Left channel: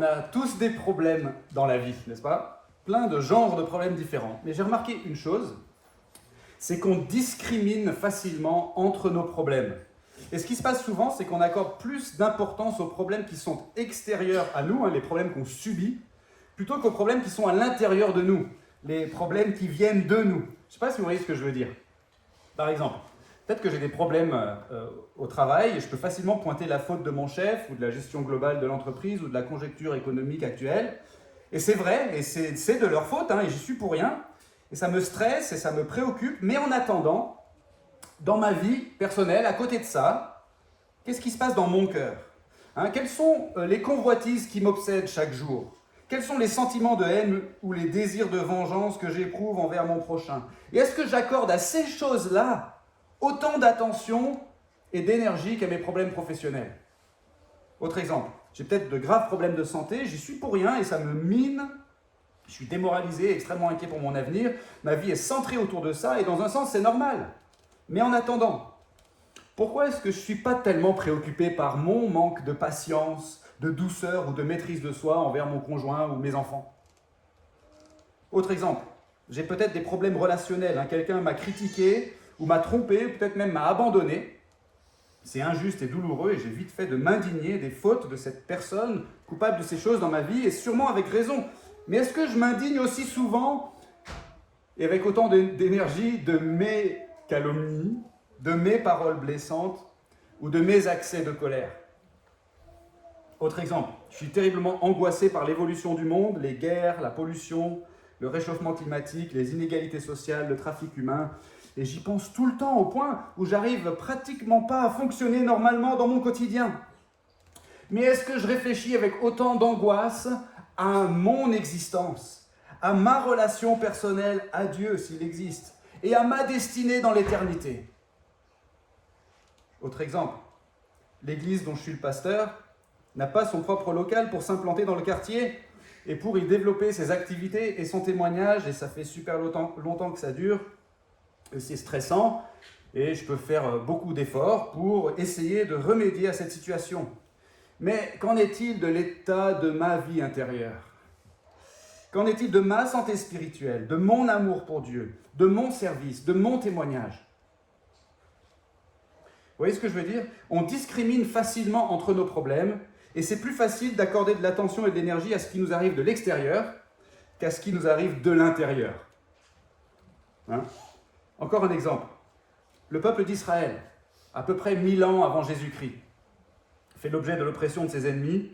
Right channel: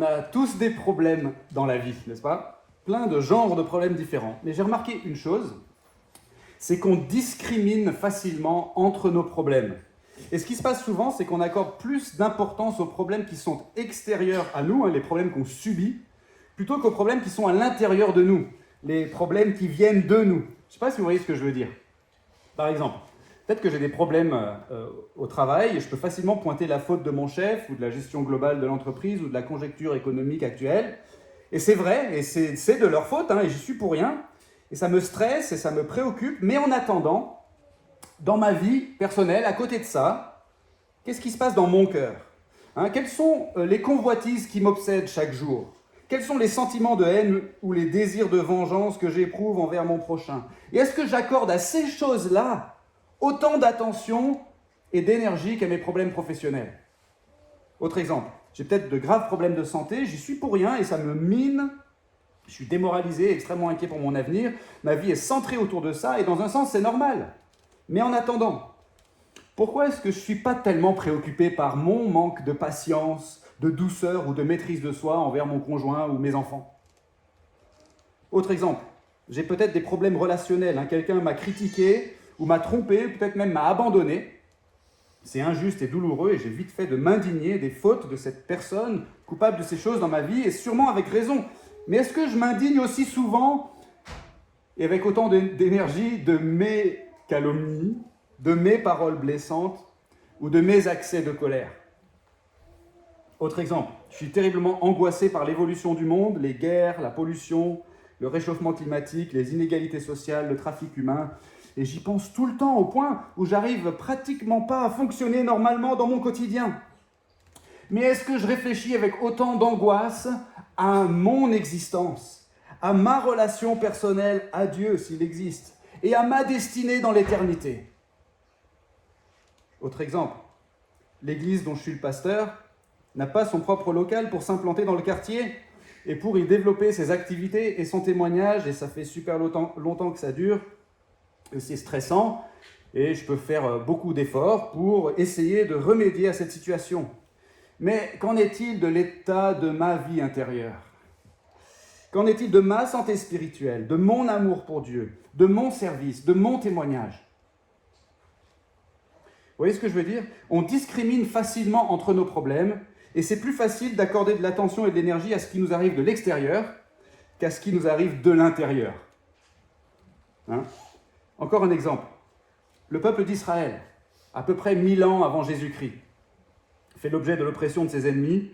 On a tous des problèmes dans la vie, n'est-ce pas? Plein de genres de problèmes différents. Mais j'ai remarqué une chose, c'est qu'on discrimine facilement entre nos problèmes. Et ce qui se passe souvent, c'est qu'on accorde plus d'importance aux problèmes qui sont extérieurs à nous, les problèmes qu'on subit, plutôt qu'aux problèmes qui sont à l'intérieur de nous, les problèmes qui viennent de nous. Je ne sais pas si vous voyez ce que je veux dire. Par exemple, peut-être que j'ai des problèmes au travail et je peux facilement pointer la faute de mon chef ou de la gestion globale de l'entreprise ou de la conjoncture économique actuelle. Et c'est vrai, et c'est de leur faute, et j'y suis pour rien. Et ça me stresse et ça me préoccupe. Mais en attendant, dans ma vie personnelle, à côté de ça, qu'est-ce qui se passe dans mon cœur? Quelles sont les convoitises qui m'obsèdent chaque jour? Quels sont les sentiments de haine ou les désirs de vengeance que j'éprouve envers mon prochain? Et est-ce que j'accorde à ces choses-là autant d'attention et d'énergie qu'à mes problèmes professionnels? Autre exemple, j'ai peut-être de graves problèmes de santé, j'y suis pour rien et ça me mine. Je suis démoralisé, extrêmement inquiet pour mon avenir. Ma vie est centrée autour de ça et dans un sens, c'est normal. Mais en attendant, pourquoi est-ce que je ne suis pas tellement préoccupé par mon manque de patience, de douceur ou de maîtrise de soi envers mon conjoint ou mes enfants? Autre exemple, j'ai peut-être des problèmes relationnels. Quelqu'un m'a critiqué ou m'a trompé, peut-être même m'a abandonné. C'est injuste et douloureux et j'ai vite fait de m'indigner des fautes de cette personne coupable de ces choses dans ma vie et sûrement avec raison. Mais est-ce que je m'indigne aussi souvent et avec autant d'énergie de mes calomnies, de mes paroles blessantes ou de mes accès de colère? Autre exemple, je suis terriblement angoissé par l'évolution du monde, les guerres, la pollution, le réchauffement climatique, les inégalités sociales, le trafic humain. Et j'y pense tout le temps au point où j'arrive pratiquement pas à fonctionner normalement dans mon quotidien. Mais est-ce que je réfléchis avec autant d'angoisse à mon existence, à ma relation personnelle à Dieu s'il existe, et à ma destinée dans l'éternité? Autre exemple, l'église dont je suis le pasteur n'a pas son propre local pour s'implanter dans le quartier et pour y développer ses activités et son témoignage, et ça fait super longtemps que ça dure, et c'est stressant, et je peux faire beaucoup d'efforts pour essayer de remédier à cette situation. Mais qu'en est-il de l'état de ma vie intérieure? Qu'en est-il de ma santé spirituelle, de mon amour pour Dieu, de mon service, de mon témoignage? Vous voyez ce que je veux dire? On discrimine facilement entre nos problèmes et c'est plus facile d'accorder de l'attention et de l'énergie à ce qui nous arrive de l'extérieur qu'à ce qui nous arrive de l'intérieur. Encore un exemple. Le peuple d'Israël, à peu près 1000 ans avant Jésus-Christ, fait l'objet de l'oppression de ses ennemis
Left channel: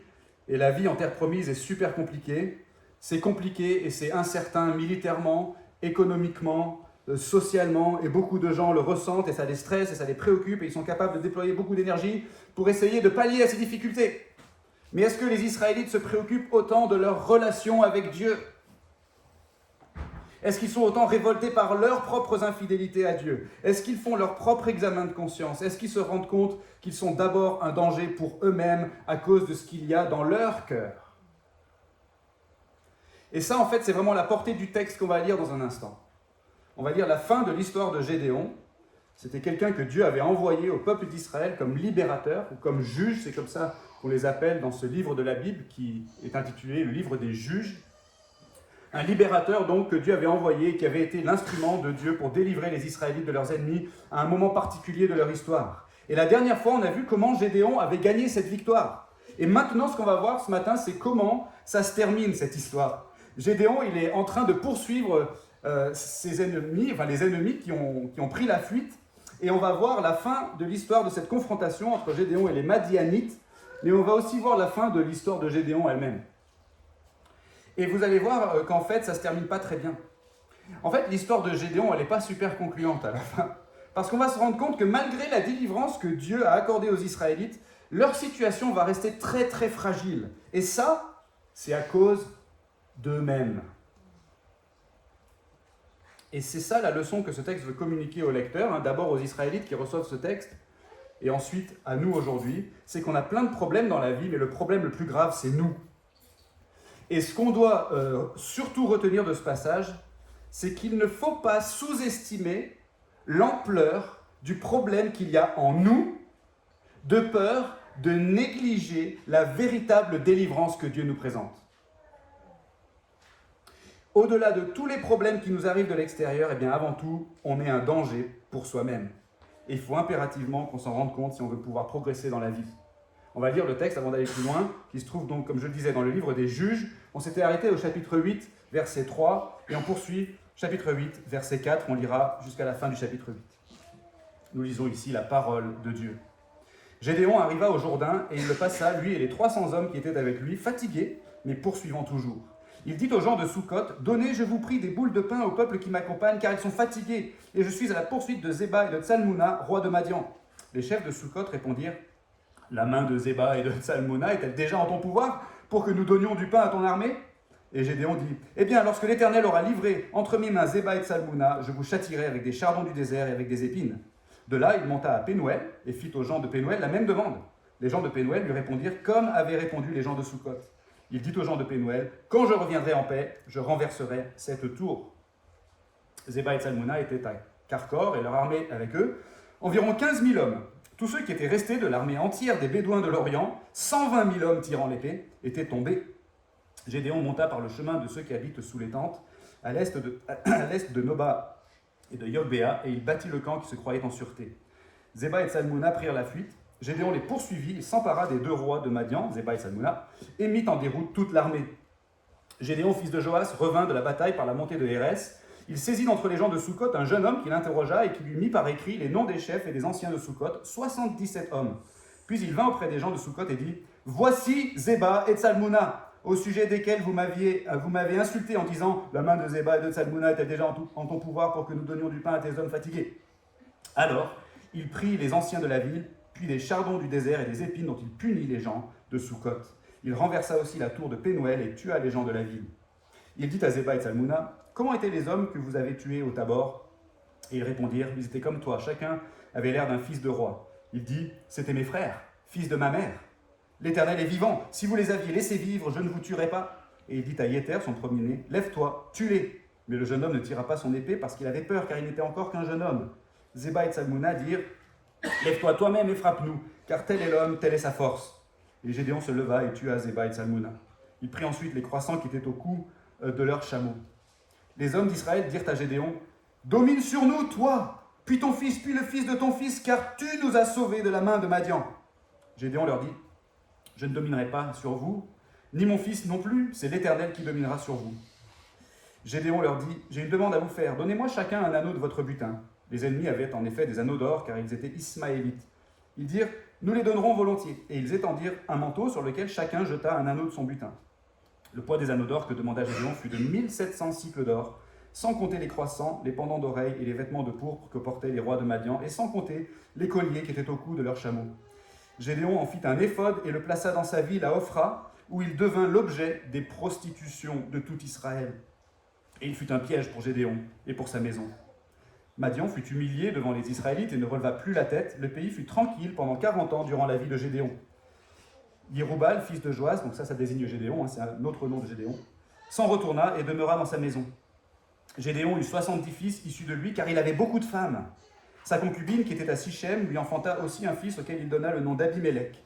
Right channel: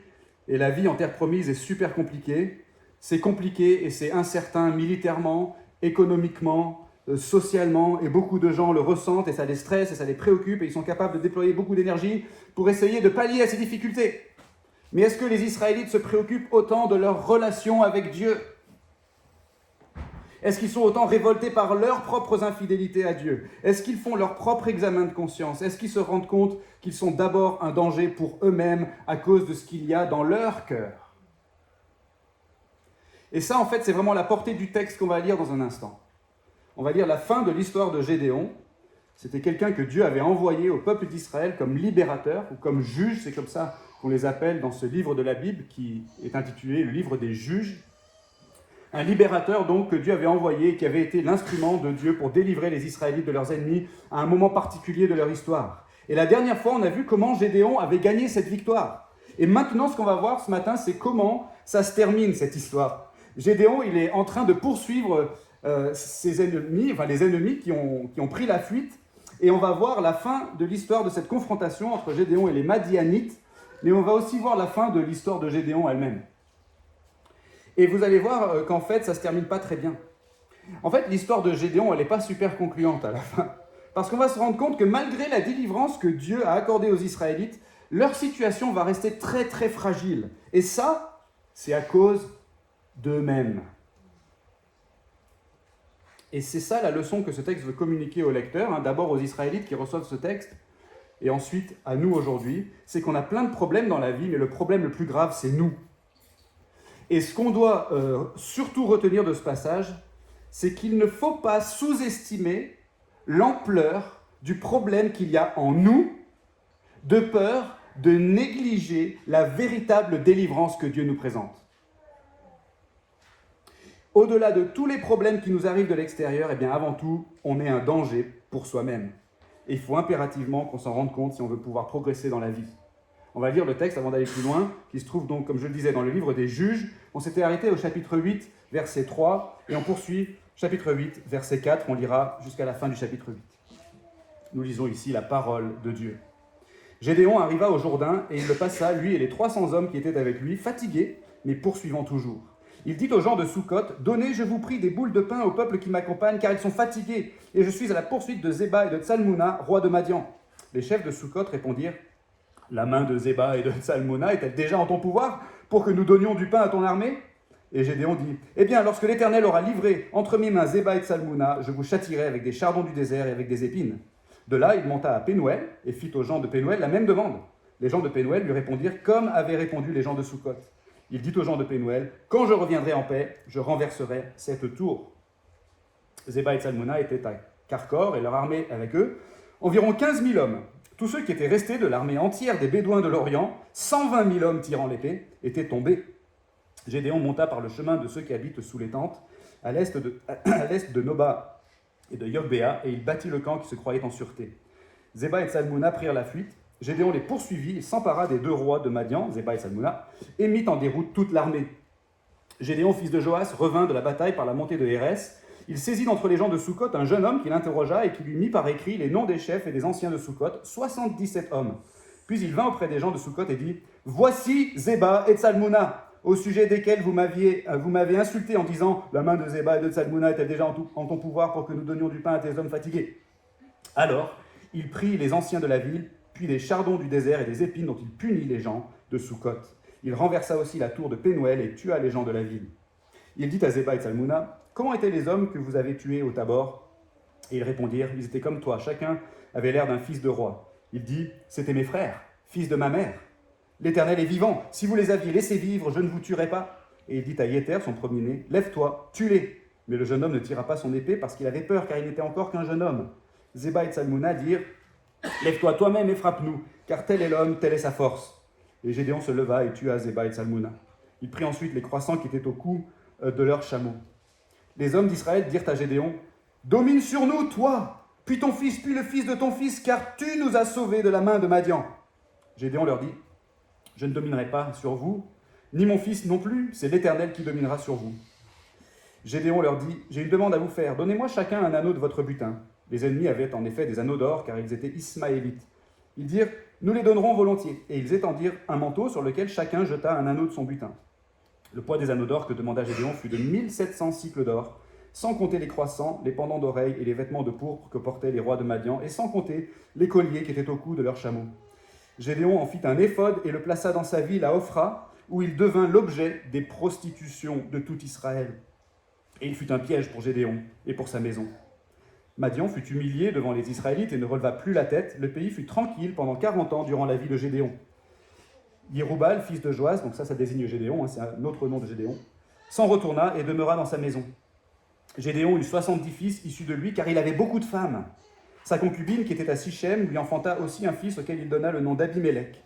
et la vie en terre promise est super compliquée. C'est compliqué et c'est incertain militairement, économiquement, socialement, et beaucoup de gens le ressentent et ça les stresse et ça les préoccupe et ils sont capables de déployer beaucoup d'énergie pour essayer de pallier à ces difficultés. Mais est-ce que les Israélites se préoccupent autant de leur relation avec Dieu? Est-ce qu'ils sont autant révoltés par leurs propres infidélités à Dieu? Est-ce qu'ils font leur propre examen de conscience? Est-ce qu'ils se rendent compte qu'ils sont d'abord un danger pour eux-mêmes à cause de ce qu'il y a dans leur cœur? Et ça, en fait, c'est vraiment la portée du texte qu'on va lire dans un instant. On va lire la fin de l'histoire de Gédéon. C'était quelqu'un que Dieu avait envoyé au peuple d'Israël comme libérateur ou comme juge, c'est comme ça qu'on les appelle dans ce livre de la Bible qui est intitulé le livre des juges. Un libérateur donc que Dieu avait envoyé, qui avait été l'instrument de Dieu pour délivrer les Israélites de leurs ennemis à un moment particulier de leur histoire. Et la dernière fois, on a vu comment Gédéon avait gagné cette victoire. Et maintenant, ce qu'on va voir ce matin, c'est comment ça se termine cette histoire. Gédéon, il est en train de poursuivre ses ennemis, les ennemis qui ont pris la fuite. Et on va voir la fin de l'histoire de cette confrontation entre Gédéon et les Madianites. Mais on va aussi voir la fin de l'histoire de Gédéon elle-même. Et vous allez voir qu'en fait, ça ne se termine pas très bien. En fait, l'histoire de Gédéon, elle n'est pas super concluante à la fin. Parce qu'on va se rendre compte que malgré la délivrance que Dieu a accordée aux Israélites, leur situation va rester très très fragile. Et ça, c'est à cause d'eux-mêmes. Et c'est ça la leçon que ce texte veut communiquer aux lecteurs, d'abord aux Israélites qui reçoivent ce texte, et ensuite à nous aujourd'hui. C'est qu'on a plein de problèmes dans la vie, mais le problème le plus grave, c'est nous. Et ce qu'on doit surtout retenir de ce passage, c'est qu'il ne faut pas sous-estimer l'ampleur du problème qu'il y a en nous, de peur de négliger la véritable délivrance que Dieu nous présente. Au-delà de tous les problèmes qui nous arrivent de l'extérieur, eh bien avant tout, on est un danger pour soi-même. Et il faut impérativement qu'on s'en rende compte si on veut pouvoir progresser dans la vie. On va lire le texte avant d'aller plus loin, qui se trouve donc, comme je le disais, dans le livre des Juges. On s'était arrêté au chapitre 8, verset 3, et on poursuit chapitre 8, verset 4. On lira jusqu'à la fin du chapitre 8. Nous lisons ici la parole de Dieu. Gédéon arriva au Jourdain, et il le passa, lui et les 300 hommes qui étaient avec lui, fatigués, mais poursuivant toujours. Il dit aux gens de Soukhot, « Donnez, je vous prie, des boules de pain au peuple qui m'accompagne, car ils sont fatigués, et je suis à la poursuite de Zéba et de Tsalmouna, roi de Madian. » Les chefs de Soukhot répondirent, « La main de Zéba et de Tsalmouna est-elle déjà en ton pouvoir pour que nous donnions du pain à ton armée ?» Et Gédéon dit, « Eh bien, lorsque l'Éternel aura livré entre mes mains Zéba et Tsalmouna, je vous châtierai avec des chardons du désert et avec des épines. » De là, il monta à Pénuel et fit aux gens de Pénuel la même demande. Les gens de Pénuel lui répondirent comme avaient répondu les gens de Soukhot. Il dit aux gens de Pénuel, « Quand je reviendrai en paix, je renverserai cette tour. » Zéba et Tsalmouna étaient à Karkor et leur armée avec eux, environ 15 000 hommes. Tous ceux qui étaient restés de l'armée entière des Bédouins de l'Orient, 120 000 hommes tirant l'épée, étaient tombés. Gédéon monta par le chemin de ceux qui habitent sous les tentes, à l'est de Noba et de Yogbéa, et il bâtit le camp qui se croyait en sûreté. Zéba et Tsalmouna prirent la fuite. Gédéon les poursuivit et s'empara des deux rois de Madian, Zéba et Tsalmouna, et mit en déroute toute l'armée. Gédéon, fils de Joas, revint de la bataille par la montée de Hérès. Il saisit d'entre les gens de Soukhot un jeune homme qui l'interrogea et qui lui mit par écrit les noms des chefs et des anciens de Soukhot, 77 hommes. Puis il vint auprès des gens de Soukhot et dit, « Voici Zéba et Tsalmouna, au sujet desquels vous m'avez insulté en disant, la main de Zéba et de Tsalmouna est-elle déjà en ton pouvoir pour que nous donnions du pain à tes hommes fatigués ?» Alors, il prit les anciens de la ville, puis des chardons du désert et des épines dont il punit les gens de Soukhot. Il renversa aussi la tour de Pénuel et tua les gens de la ville. Il dit à Zéba et Tsalmouna, « Comment étaient les hommes que vous avez tués au Tabor ?» Et ils répondirent, « Ils étaient comme toi, chacun avait l'air d'un fils de roi. » Il dit, « C'étaient mes frères, fils de ma mère. L'Éternel est vivant, si vous les aviez laissés vivre, je ne vous tuerais pas. » Et il dit à Yéter, son premier-né, « Lève-toi, tue-les. » Mais le jeune homme ne tira pas son épée parce qu'il avait peur, car il n'était encore qu'un jeune homme. Zéba et Tsalmouna dirent, « Lève-toi toi-même et frappe-nous, car tel est l'homme, telle est sa force. » Et Gédéon se leva et tua Zéba et Tsalmouna. Il prit ensuite les croissants qui étaient au cou de leurs chameaux. Les hommes d'Israël dirent à Gédéon, « Domine sur nous, toi, puis ton fils, puis le fils de ton fils, car tu nous as sauvés de la main de Madian. » Gédéon leur dit, « Je ne dominerai pas sur vous, ni mon fils non plus, c'est l'Éternel qui dominera sur vous. » Gédéon leur dit, « J'ai une demande à vous faire, donnez-moi chacun un anneau de votre butin. » Les ennemis avaient en effet des anneaux d'or, car ils étaient ismaélites. Ils dirent, « Nous les donnerons volontiers. » Et ils étendirent un manteau sur lequel chacun jeta un anneau de son butin. Le poids des anneaux d'or que demanda Gédéon fut de 1700 cycles d'or, sans compter les croissants, les pendants d'oreilles et les vêtements de pourpre que portaient les rois de Madian, et sans compter les colliers qui étaient au cou de leurs chameaux. Gédéon en fit un éphod et le plaça dans sa ville à Ophra, où il devint l'objet des prostitutions de tout Israël. Et il fut un piège pour Gédéon et pour sa maison. Madian fut humilié devant les Israélites et ne releva plus la tête. Le pays fut tranquille pendant 40 ans durant la vie de Gédéon. Yéroubal, fils de Joas, donc ça désigne Gédéon, c'est un autre nom de Gédéon, s'en retourna et demeura dans sa maison. Gédéon eut 70 fils issus de lui, car il avait beaucoup de femmes. Sa concubine, qui était à Sichem, lui enfanta aussi un fils auquel il donna le nom d'Abimélec.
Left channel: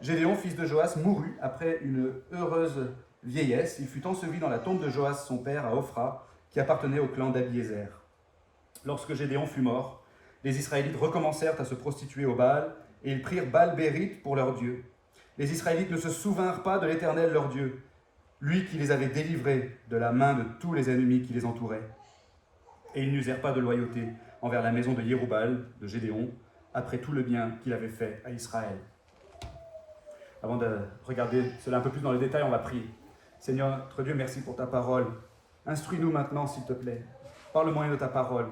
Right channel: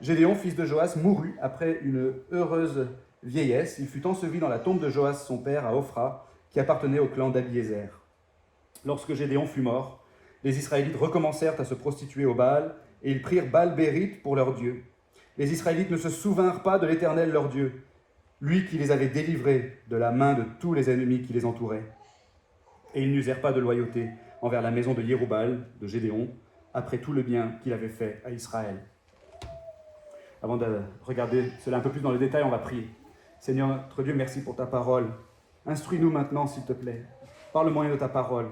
Gédéon, fils de Joas, mourut après une heureuse vieillesse. Il fut enseveli dans la tombe de Joas, son père, à Ophra, qui appartenait au clan d'Abiézer. Lorsque Gédéon fut mort, les Israélites recommencèrent à se prostituer au Baal, et ils prirent Baal-Bérith pour leur Dieu. Les Israélites ne se souvinrent pas de l'Éternel leur Dieu, lui qui les avait délivrés de la main de tous les ennemis qui les entouraient. Et ils n'usèrent pas de loyauté envers la maison de Yéroubal, de Gédéon, après tout le bien qu'il avait fait à Israël. Avant de regarder cela un peu plus dans les détails, on va prier. Seigneur, notre Dieu, merci pour ta parole. Instruis-nous maintenant, s'il te plaît, par le moyen de ta parole.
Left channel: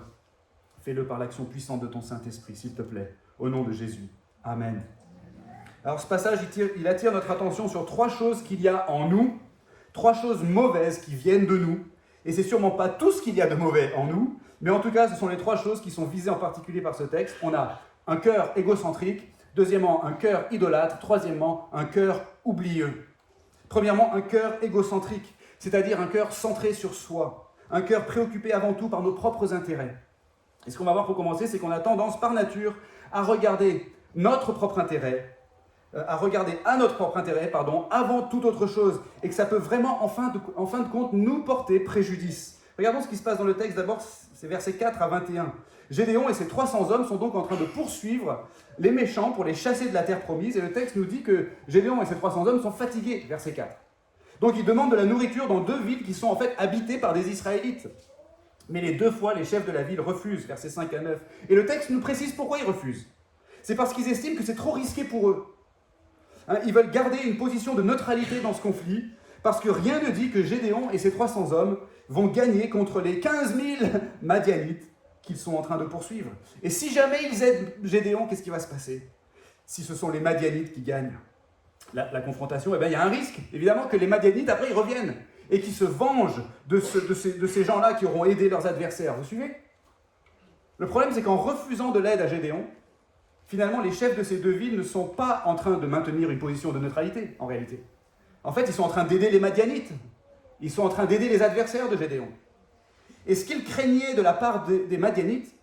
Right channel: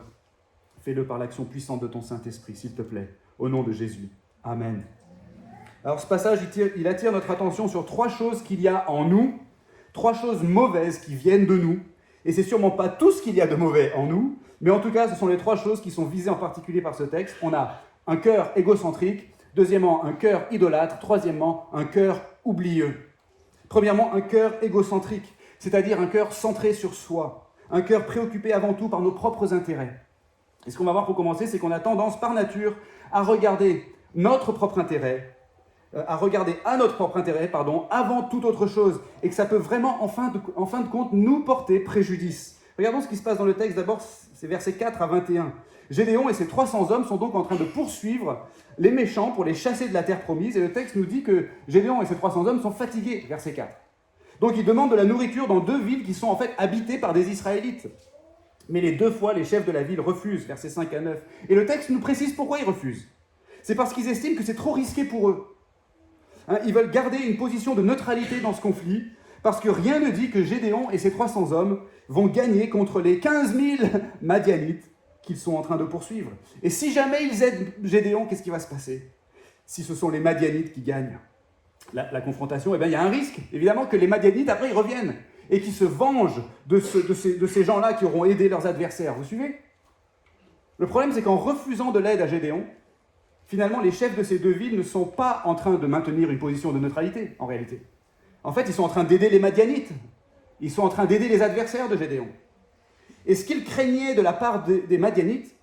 Fais-le par l'action puissante de ton Saint-Esprit, s'il te plaît, au nom de Jésus. Amen. Alors ce passage, il attire notre attention sur 3 choses qu'il y a en nous, 3 choses mauvaises qui viennent de nous, et c'est sûrement pas tout ce qu'il y a de mauvais en nous, mais en tout cas, ce sont les 3 choses qui sont visées en particulier par ce texte. On a un cœur égocentrique, deuxièmement, un cœur idolâtre, troisièmement, un cœur oublieux. Premièrement, un cœur égocentrique, c'est-à-dire un cœur centré sur soi, un cœur préoccupé avant tout par nos propres intérêts. Et ce qu'on va voir pour commencer, c'est qu'on a tendance par nature à regarder notre propre intérêt à regarder à notre propre intérêt, avant toute autre chose, et que ça peut vraiment, en fin de compte, nous porter préjudice. Regardons ce qui se passe dans le texte. D'abord, c'est versets 4 à 21. Gédéon et ses 300 hommes sont donc en train de poursuivre les méchants pour les chasser de la terre promise, et le texte nous dit que Gédéon et ses 300 hommes sont fatigués, verset 4. Donc ils demandent de la nourriture dans 2 villes qui sont en fait habitées par des Israélites. Mais les 2 fois, les chefs de la ville refusent, versets 5 à 9. Et le texte nous précise pourquoi ils refusent. C'est parce qu'ils estiment que c'est trop risqué pour eux. Ils veulent garder une position de neutralité dans ce conflit, parce que rien ne dit que Gédéon et ses 300 hommes vont gagner contre les 15 000 Madianites qu'ils sont en train de poursuivre. Et si jamais ils aident Gédéon, qu'est-ce qui va se passer? Si ce sont les Madianites qui gagnent la confrontation, il y a un risque, évidemment, que les Madianites, après, ils reviennent et qu'ils se vengent de ces gens-là qui auront aidé leurs adversaires. Vous suivez? Le problème, c'est qu'en refusant de l'aide à Gédéon, finalement, les chefs de ces 2 villes ne sont pas en train de maintenir une position de neutralité, en réalité. En fait, ils sont en train d'aider les Madianites. Ils sont en train d'aider les adversaires de Gédéon. Et ce qu'ils craignaient de la part des Madianites,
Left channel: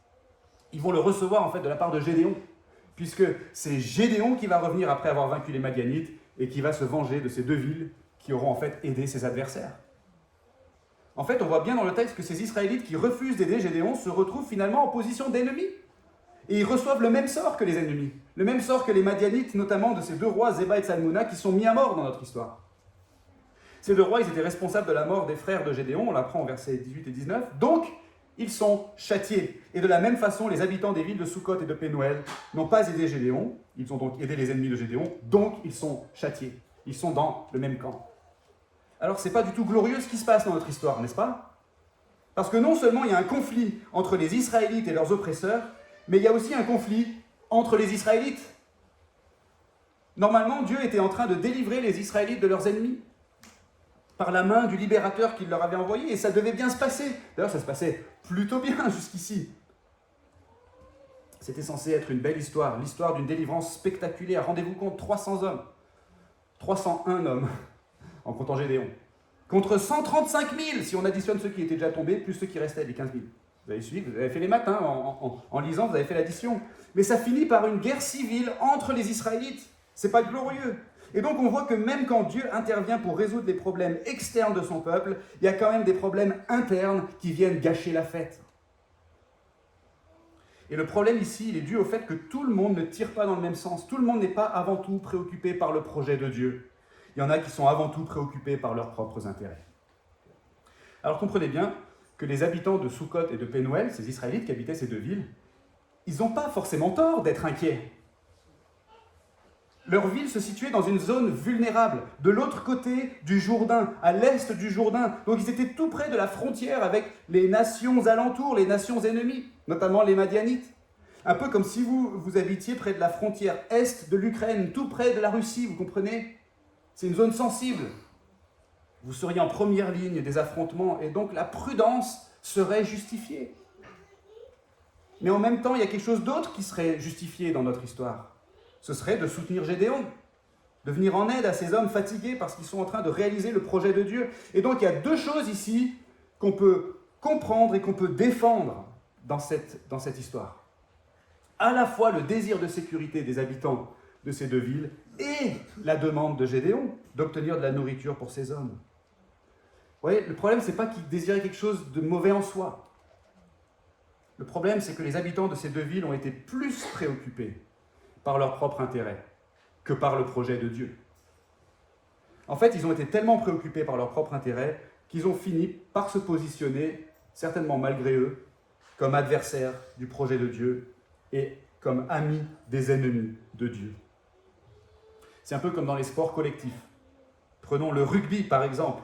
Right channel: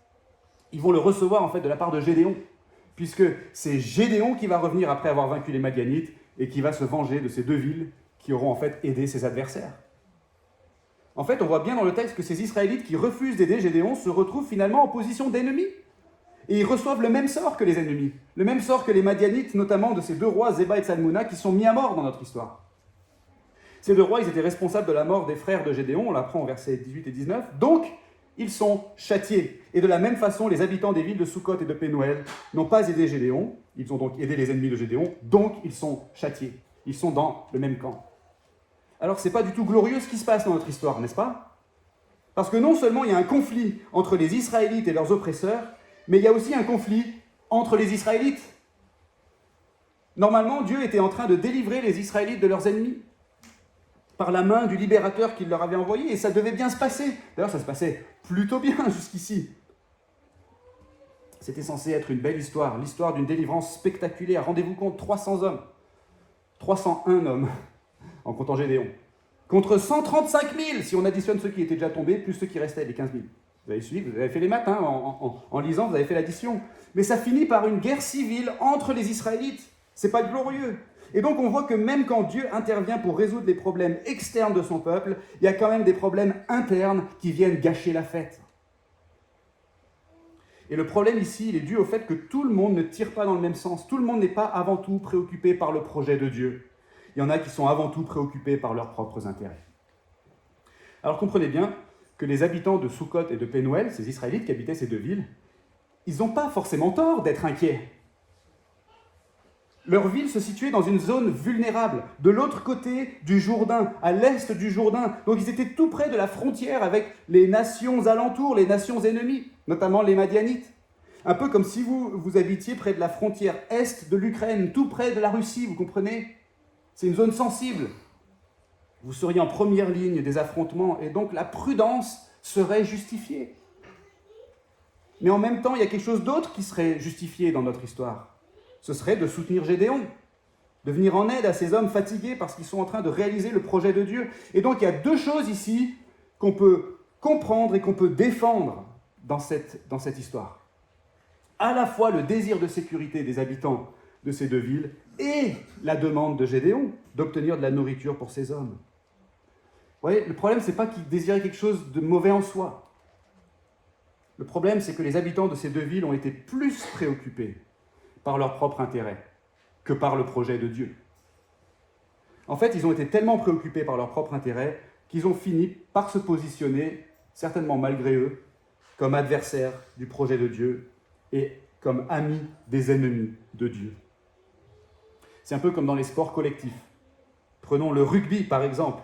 ils vont le recevoir en fait de la part de Gédéon, puisque c'est Gédéon qui va revenir après avoir vaincu les Madianites et qui va se venger de ces 2 villes qui auront en fait aidé ses adversaires. En fait, on voit bien dans le texte que ces Israélites qui refusent d'aider Gédéon se retrouvent finalement en position d'ennemis. Et ils reçoivent le même sort que les ennemis, le même sort que les Madianites, notamment de ces 2 rois, Zéba et Tsalmouna, qui sont mis à mort dans notre histoire. Ces 2 rois, ils étaient responsables de la mort des frères de Gédéon, on l'apprend au verset 18 et 19, donc ils sont châtiés. Et de la même façon, les habitants des villes de Sukkot et de Pénuel n'ont pas aidé Gédéon, ils ont donc aidé les ennemis de Gédéon, donc ils sont châtiés. Ils sont dans le même camp. Alors c'est pas du tout glorieux ce qui se passe dans notre histoire, n'est-ce pas? Parce que non seulement il y a un conflit entre les Israélites et leurs oppresseurs, mais il y a aussi un conflit entre les Israélites. Normalement, Dieu était en train de délivrer les Israélites de leurs ennemis par la main du libérateur qu'il leur avait envoyé, et ça devait bien se passer. D'ailleurs, ça se passait plutôt bien jusqu'ici. C'était censé être une belle histoire, l'histoire d'une délivrance spectaculaire. Rendez-vous compte, 300 hommes, 301 hommes, en comptant Gédéon, contre 135 000, si on additionne ceux qui étaient déjà tombés, plus ceux qui restaient, les 15 000. Vous avez suivi, vous avez fait les maths, hein, en lisant, vous avez fait l'addition. Mais ça finit par une guerre civile entre les Israélites. C'est pas glorieux. Et donc on voit que même quand Dieu intervient pour résoudre les problèmes externes de son peuple, il y a quand même des problèmes internes qui viennent gâcher la fête. Et le problème ici, il est dû au fait que tout le monde ne tire pas dans le même sens. Tout le monde n'est pas avant tout préoccupé par le projet de Dieu. Il y en a qui sont avant tout préoccupés par leurs propres intérêts. Alors comprenez bien que les habitants de Sukkot et de Pénuel, ces Israélites qui habitaient ces 2 villes, ils n'ont pas forcément tort d'être inquiets. Leur ville se situait dans une zone vulnérable, de l'autre côté du Jourdain, à l'est du Jourdain. Donc ils étaient tout près de la frontière avec les nations alentours, les nations ennemies, notamment les Madianites. Un peu comme si vous habitiez près de la frontière est de l'Ukraine, tout près de la Russie, vous comprenez? C'est une zone sensible. Vous seriez en première ligne des affrontements, et donc la prudence serait justifiée. Mais en même temps, il y a quelque chose d'autre qui serait justifié dans notre histoire. Ce serait de soutenir Gédéon, de venir en aide à ces hommes fatigués parce qu'ils sont en train de réaliser le projet de Dieu. Et donc il y a 2 choses ici qu'on peut comprendre et qu'on peut défendre dans cette histoire. À la fois le désir de sécurité des habitants de ces 2 villes et la demande de Gédéon d'obtenir de la nourriture pour ces hommes. Vous voyez, le problème, ce n'est pas qu'ils désiraient quelque chose de mauvais en soi. Le problème, c'est que les habitants de ces 2 villes ont été plus préoccupés par leur propre intérêt que par le projet de Dieu. En fait, ils ont été tellement préoccupés par leur propre intérêt qu'ils ont fini par se positionner, certainement malgré eux, comme adversaires du projet de Dieu et comme amis des ennemis de Dieu. C'est un peu comme dans les sports collectifs. Prenons le rugby, par exemple.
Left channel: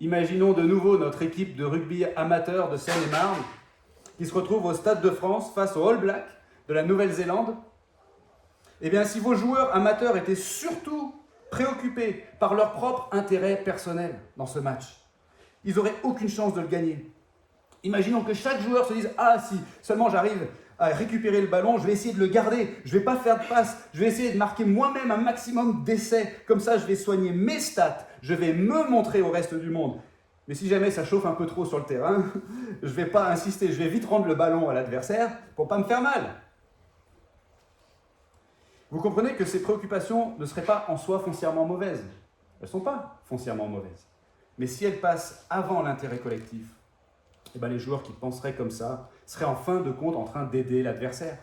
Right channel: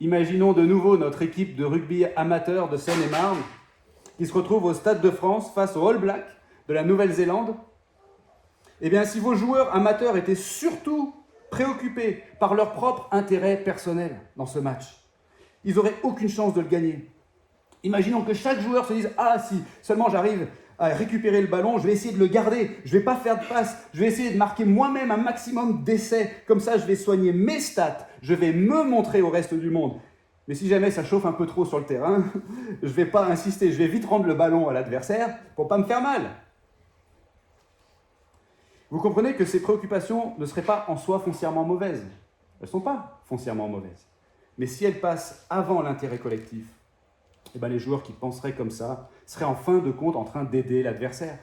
Imaginons de nouveau notre équipe de rugby amateur de Seine-et-Marne qui se retrouve au Stade de France face aux All Blacks de la Nouvelle-Zélande. Eh bien, si vos joueurs amateurs étaient surtout préoccupés par leur propre intérêt personnel dans ce match, ils n'auraient aucune chance de le gagner. Imaginons que chaque joueur se dise « Ah, si seulement j'arrive à récupérer le ballon, je vais essayer de le garder, je ne vais pas faire de passe, je vais essayer de marquer moi-même un maximum d'essais, comme ça je vais soigner mes stats, je vais me montrer au reste du monde. Mais si jamais ça chauffe un peu trop sur le terrain, je ne vais pas insister, je vais vite rendre le ballon à l'adversaire pour ne pas me faire mal. » Vous comprenez que ces préoccupations ne seraient pas en soi foncièrement mauvaises. Elles ne sont pas foncièrement mauvaises. Mais si elles passent avant l'intérêt collectif, eh bien les joueurs qui penseraient comme ça seraient en fin de compte en train d'aider l'adversaire.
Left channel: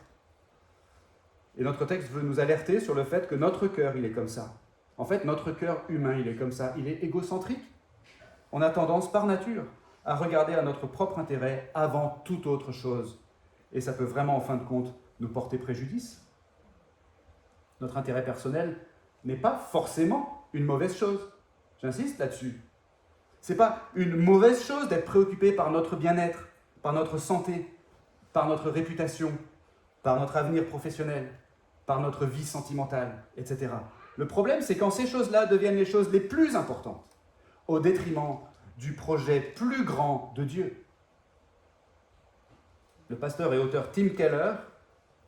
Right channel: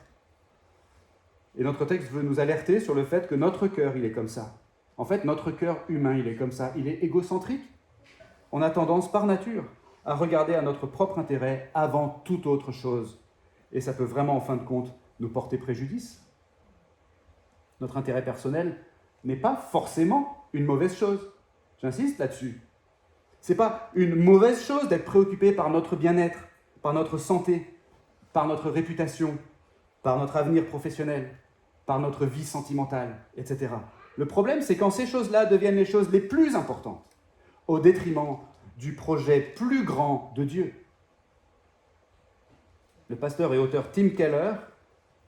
Et notre texte veut nous alerter sur le fait que notre cœur, il est comme ça. En fait, notre cœur humain, il est comme ça. Il est égocentrique. On a tendance, par nature, à regarder à notre propre intérêt avant toute autre chose. Et ça peut vraiment, en fin de compte, nous porter préjudice. Notre intérêt personnel n'est pas forcément une mauvaise chose. J'insiste là-dessus. Ce n'est pas une mauvaise chose d'être préoccupé par notre bien-être, par notre santé, par notre réputation, par notre avenir professionnel, par notre vie sentimentale, etc. Le problème, c'est quand ces choses-là deviennent les choses les plus importantes, au détriment du projet plus grand de Dieu. Le pasteur et auteur Tim Keller,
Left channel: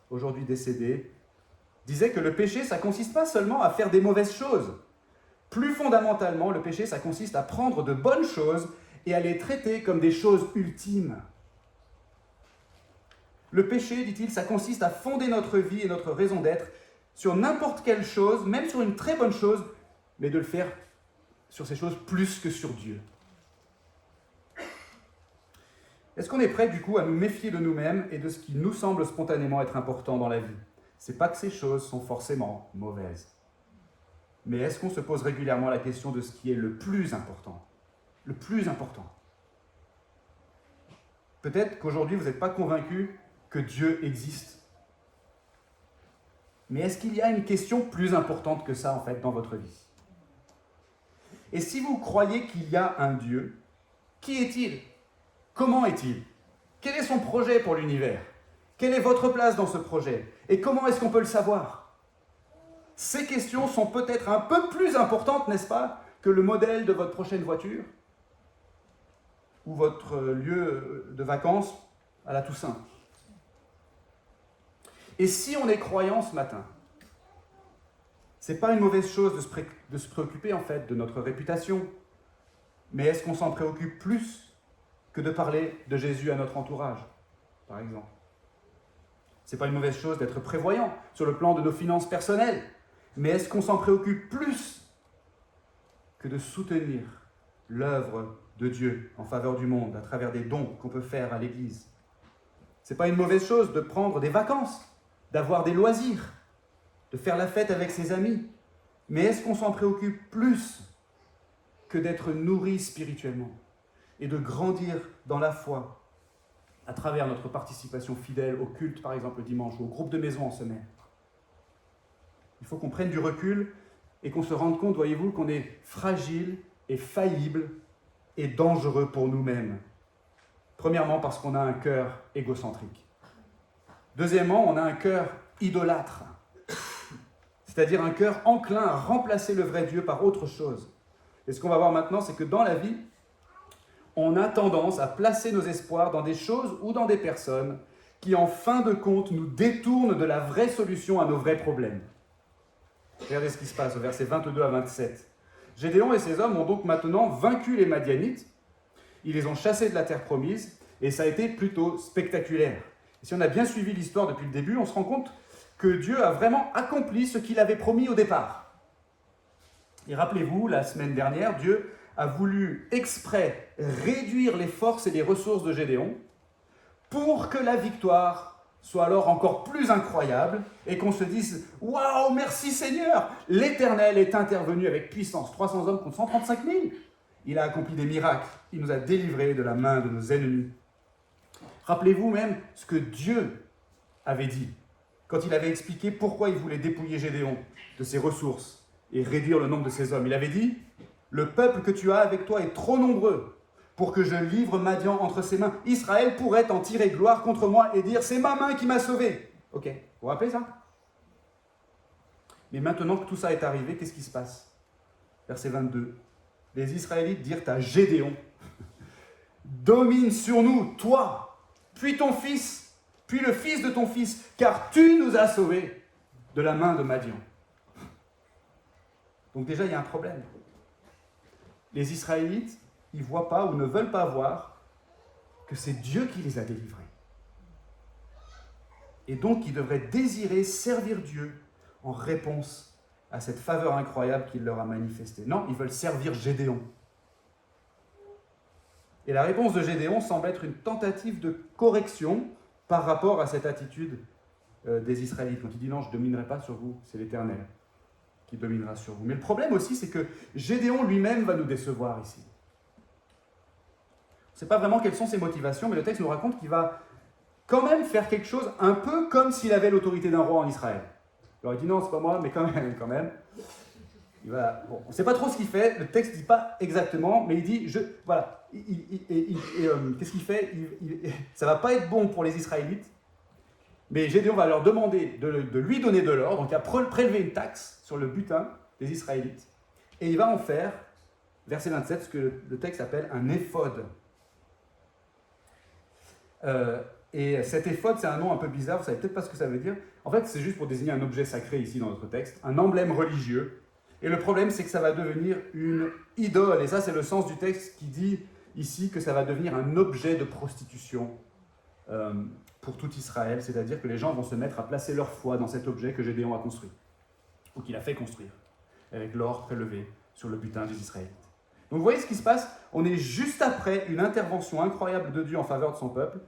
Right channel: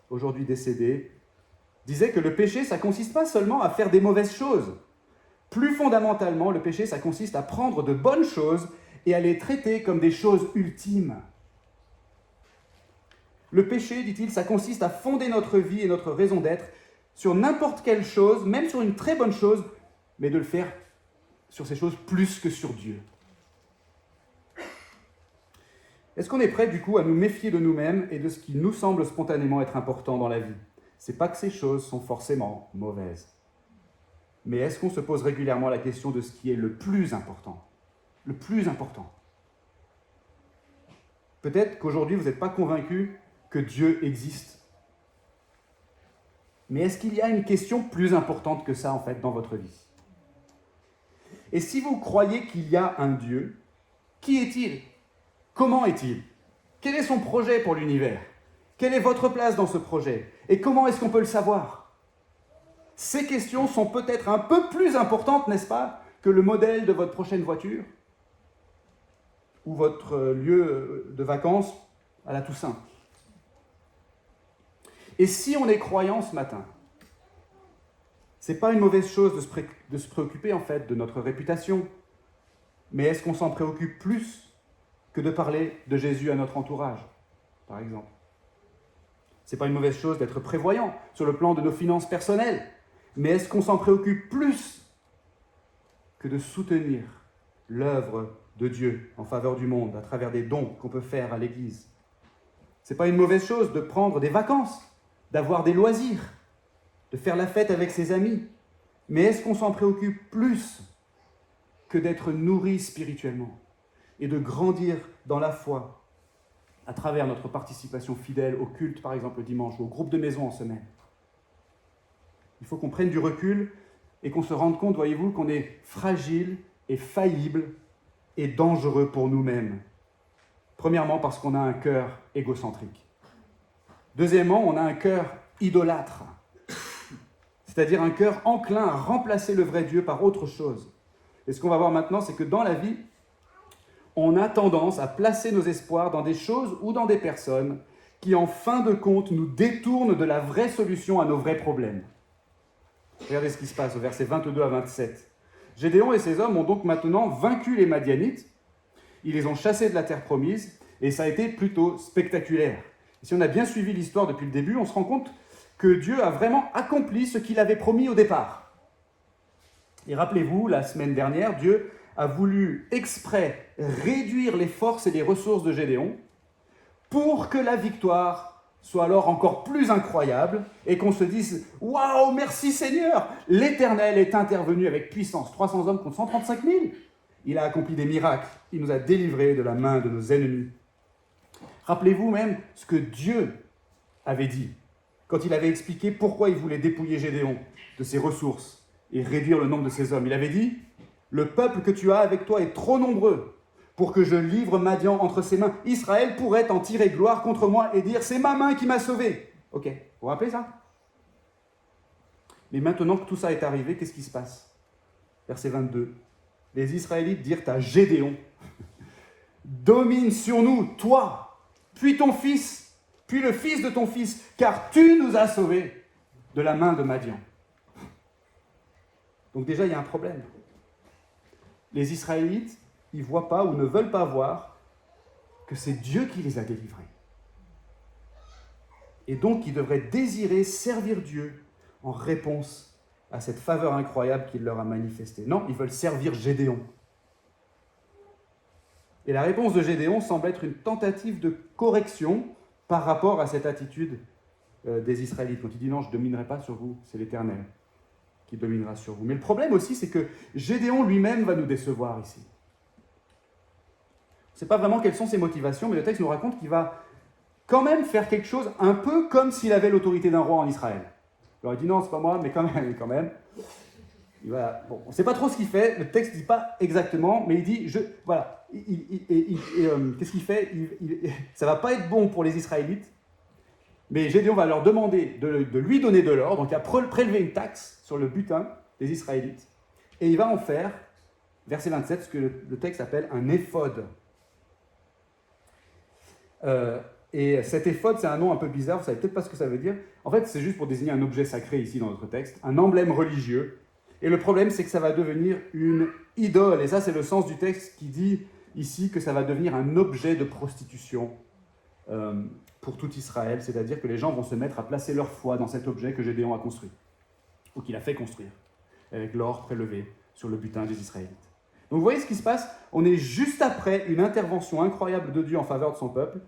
aujourd'hui décédé, disait que le péché, ça ne consiste pas seulement à faire des mauvaises choses. Plus fondamentalement, le péché, ça consiste à prendre de bonnes choses et à les traiter comme des choses ultimes. Le péché, dit-il, ça consiste à fonder notre vie et notre raison d'être sur n'importe quelle chose, même sur une très bonne chose, mais de le faire sur ces choses plus que sur Dieu. Est-ce qu'on est prêt, du coup, à nous méfier de nous-mêmes et de ce qui nous semble spontanément être important dans la vie ? C'est pas que ces choses sont forcément mauvaises. Mais est-ce qu'on se pose régulièrement la question de ce qui est le plus important ? Le plus important. Peut-être qu'aujourd'hui, vous n'êtes pas convaincu que Dieu existe. Mais est-ce qu'il y a une question plus importante que ça, en fait, dans votre vie ? Et si vous croyez qu'il y a un Dieu, qui est-il ? Comment est-il ? Quel est son projet pour l'univers ? Quelle est votre place dans ce projet ? Et comment est-ce qu'on peut le savoir ? Ces questions sont peut-être un peu plus importantes, n'est-ce pas, que le modèle de votre prochaine voiture ou votre lieu de vacances à la Toussaint. Et si on est croyant ce matin, c'est pas une mauvaise chose de se préoccuper en fait de notre réputation, mais est-ce qu'on s'en préoccupe plus que de parler de Jésus à notre entourage, par exemple ? C'est pas une mauvaise chose d'être prévoyant sur le plan de nos finances personnelles, mais est-ce qu'on s'en préoccupe plus que de soutenir l'œuvre de Dieu en faveur du monde à travers des dons qu'on peut faire à l'Église ? C'est pas une mauvaise chose de prendre des vacances, d'avoir des loisirs, de faire la fête avec ses amis, mais est-ce qu'on s'en préoccupe plus que d'être nourri spirituellement et de grandir dans la foi à travers notre participation fidèle au culte, par exemple le dimanche, ou au groupe de maison en semaine ? Il faut qu'on prenne du recul et qu'on se rende compte, voyez-vous, qu'on est fragile et faillible et dangereux pour nous-mêmes. Premièrement, parce qu'on a un cœur égocentrique. Deuxièmement, on a un cœur idolâtre, c'est-à-dire un cœur enclin à remplacer le vrai Dieu par autre chose. Et ce qu'on va voir maintenant, c'est que dans la vie, on a tendance à placer nos espoirs dans des choses ou dans des personnes qui, en fin de compte, nous détournent de la vraie solution à nos vrais problèmes. Regardez ce qui se passe au verset 22 à 27. Gédéon et ses hommes ont donc maintenant vaincu les Madianites. Ils les ont chassés de la terre promise et ça a été plutôt spectaculaire. Et si on a bien suivi l'histoire depuis le début, on se rend compte que Dieu a vraiment accompli ce qu'il avait promis au départ. Et rappelez-vous, la semaine dernière, Dieu a voulu exprès réduire les forces et les ressources de Gédéon pour que la victoire soit alors encore plus incroyable et qu'on se dise « Waouh, merci Seigneur ! L'Éternel est intervenu avec puissance. 300 hommes contre 135 000. Il a accompli des miracles. Il nous a délivrés de la main de nos ennemis. » Rappelez-vous même ce que Dieu avait dit quand il avait expliqué pourquoi il voulait dépouiller Gédéon de ses ressources et réduire le nombre de ses hommes. Il avait dit « Le peuple que tu as avec toi est trop nombreux pour que je livre Madian entre ses mains. Israël pourrait en tirer gloire contre moi et dire « C'est ma main qui m'a sauvé. » Ok, vous vous rappelez ça ? Mais maintenant que tout ça est arrivé, qu'est-ce qui se passe ? Verset 22. Les Israélites dirent à Gédéon « Domine sur nous, toi, puis ton fils, puis le fils de ton fils, car tu nous as sauvés de la main de Madian. » Donc déjà, il y a un problème. Les Israélites, ils ne voient pas ou ne veulent pas voir que c'est Dieu qui les a délivrés. Et donc, ils devraient désirer servir Dieu en réponse à cette faveur incroyable qu'il leur a manifestée. Non, ils veulent servir Gédéon. Et la réponse de Gédéon semble être une tentative de correction par rapport à cette attitude des Israélites. Quand il dit non, je ne dominerai pas sur vous, c'est l'Éternel qui dominera sur vous. Mais le problème aussi, c'est que Gédéon lui-même va nous décevoir ici. On ne sait pas vraiment quelles sont ses motivations, mais le texte nous raconte qu'il va quand même faire quelque chose un peu comme s'il avait l'autorité d'un roi en Israël. Il aurait dit non, c'est pas moi, mais quand même. Bon, on ne sait pas trop ce qu'il fait, le texte ne dit pas exactement, mais il dit, qu'est-ce qu'il fait? Ça ne va pas être bon pour les Israélites, mais Gédéon va leur demander de lui donner de l'or, donc il va prélever une taxe sur le butin des Israélites, et il va en faire, verset 27, ce que le texte appelle un éphod. Et cet éphod, c'est un nom un peu bizarre, vous ne savez peut-être pas ce que ça veut dire. En fait, c'est juste pour désigner un objet sacré ici dans notre texte, un emblème religieux. Et le problème, c'est que ça va devenir une idole. Et ça, c'est le sens du texte qui dit ici que ça va devenir un objet de prostitution pour tout Israël. C'est-à-dire que les gens vont se mettre à placer leur foi dans cet objet que Gédéon a construit, ou qu'il a fait construire, avec l'or prélevé sur le butin des Israélites. Donc vous voyez ce qui se passe? On est juste après une intervention incroyable de Dieu en faveur de son peuple,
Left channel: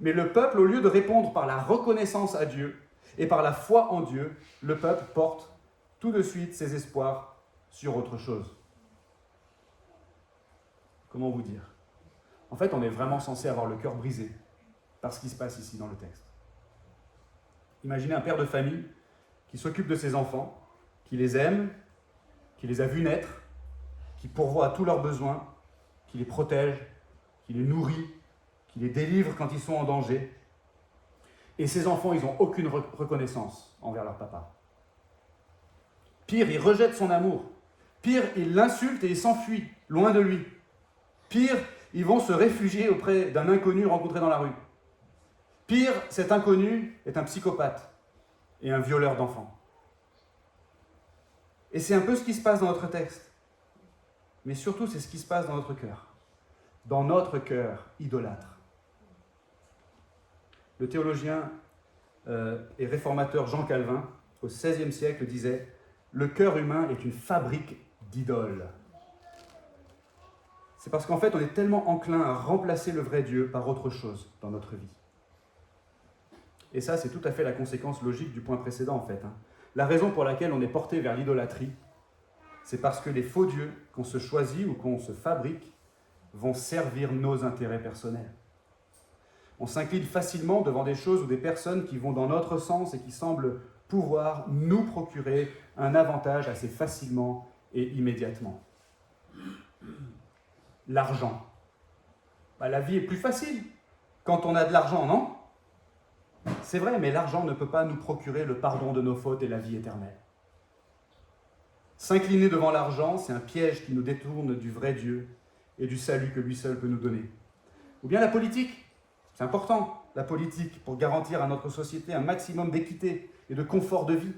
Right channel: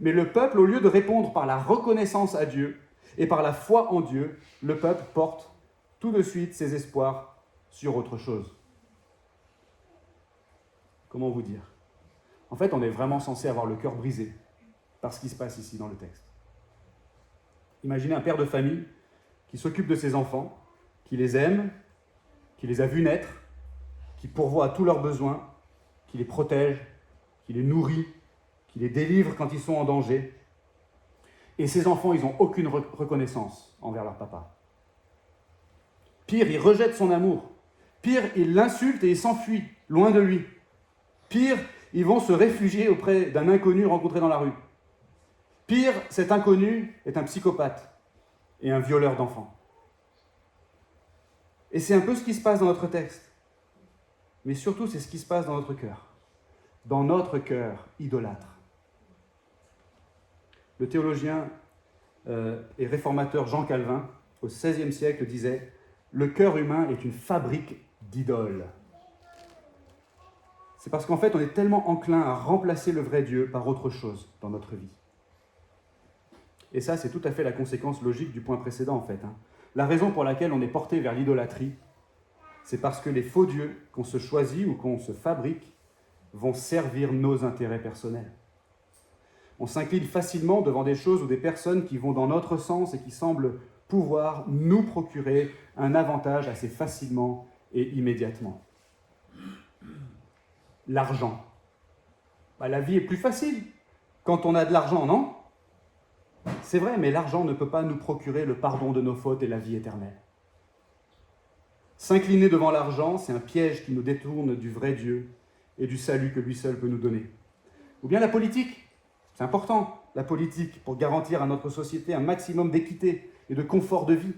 mais le peuple, au lieu de répondre par la reconnaissance à Dieu et par la foi en Dieu, le peuple porte tout de suite ses espoirs sur autre chose. Comment vous dire? En fait, on est vraiment censé avoir le cœur brisé par ce qui se passe ici dans le texte. Imaginez un père de famille qui s'occupe de ses enfants, qui les aime, qui les a vus naître, qui pourvoit à tous leurs besoins, qui les protège, qui les nourrit, qui les délivre quand ils sont en danger. Et ces enfants, ils n'ont aucune reconnaissance envers leur papa. Pire, ils rejettent son amour. Pire, ils l'insultent et ils s'enfuient, loin de lui. Pire, ils vont se réfugier auprès d'un inconnu rencontré dans la rue. Pire, cet inconnu est un psychopathe et un violeur d'enfants. Et c'est un peu ce qui se passe dans notre texte. Mais surtout, c'est ce qui se passe dans notre cœur. Dans notre cœur idolâtre. Le théologien et réformateur Jean Calvin, au XVIe siècle, disait « Le cœur humain est une fabrique d'idoles ». C'est parce qu'en fait, on est tellement enclin à remplacer le vrai Dieu par autre chose dans notre vie. Et ça, c'est tout à fait la conséquence logique du point précédent, en fait. La raison pour laquelle on est porté vers l'idolâtrie, c'est parce que les faux dieux qu'on se choisit ou qu'on se fabrique vont servir nos intérêts personnels. On s'incline facilement devant des choses ou des personnes qui vont dans notre sens et qui semblent pouvoir nous procurer un avantage assez facilement et immédiatement. L'argent. La vie est plus facile quand on a de l'argent, non? C'est vrai, mais l'argent ne peut pas nous procurer le pardon de nos fautes et la vie éternelle. S'incliner devant l'argent, c'est un piège qui nous détourne du vrai Dieu et du salut que lui seul peut nous donner. Ou bien la politique. C'est important, la politique, pour garantir à notre société un maximum d'équité et de confort de vie.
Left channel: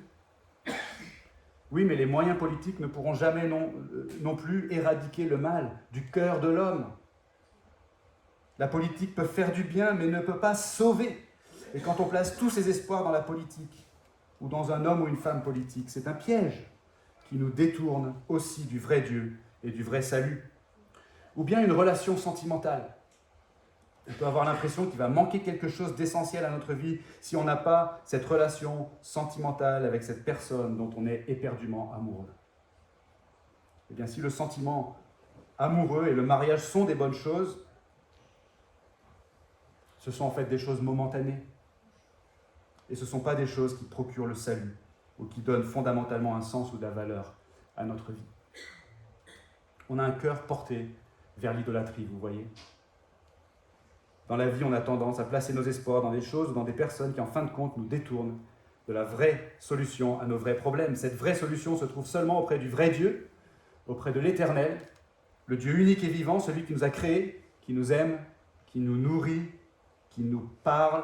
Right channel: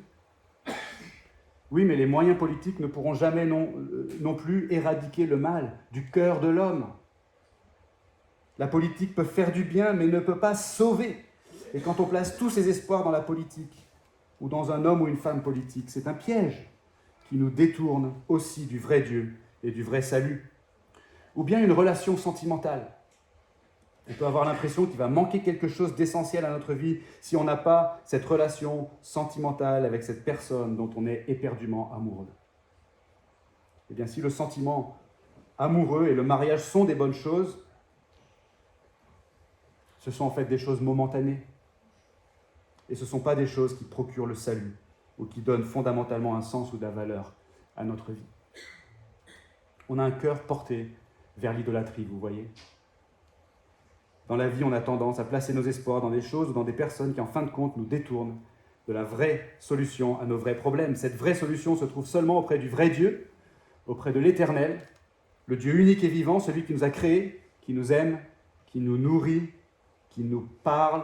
Oui, mais les moyens politiques ne pourront jamais non plus éradiquer le mal du cœur de l'homme. La politique peut faire du bien, mais ne peut pas sauver. Et quand on place tous ses espoirs dans la politique, ou dans un homme ou une femme politique, c'est un piège qui nous détourne aussi du vrai Dieu et du vrai salut. Ou bien une relation sentimentale. On peut avoir l'impression qu'il va manquer quelque chose d'essentiel à notre vie si on n'a pas cette relation sentimentale avec cette personne dont on est éperdument amoureux. Eh bien, si le sentiment amoureux et le mariage sont des bonnes choses, ce sont en fait des choses momentanées. Et ce ne sont pas des choses qui procurent le salut ou qui donnent fondamentalement un sens ou de la valeur à notre vie. On a un cœur porté vers l'idolâtrie, vous voyez. Dans la vie, on a tendance à placer nos espoirs dans des choses ou dans des personnes qui, en fin de compte, nous détournent de la vraie solution à nos vrais problèmes. Cette vraie solution se trouve seulement auprès du vrai Dieu, auprès de l'Éternel, le Dieu unique et vivant, celui qui nous a créés, qui nous aime, qui nous nourrit, qui nous parle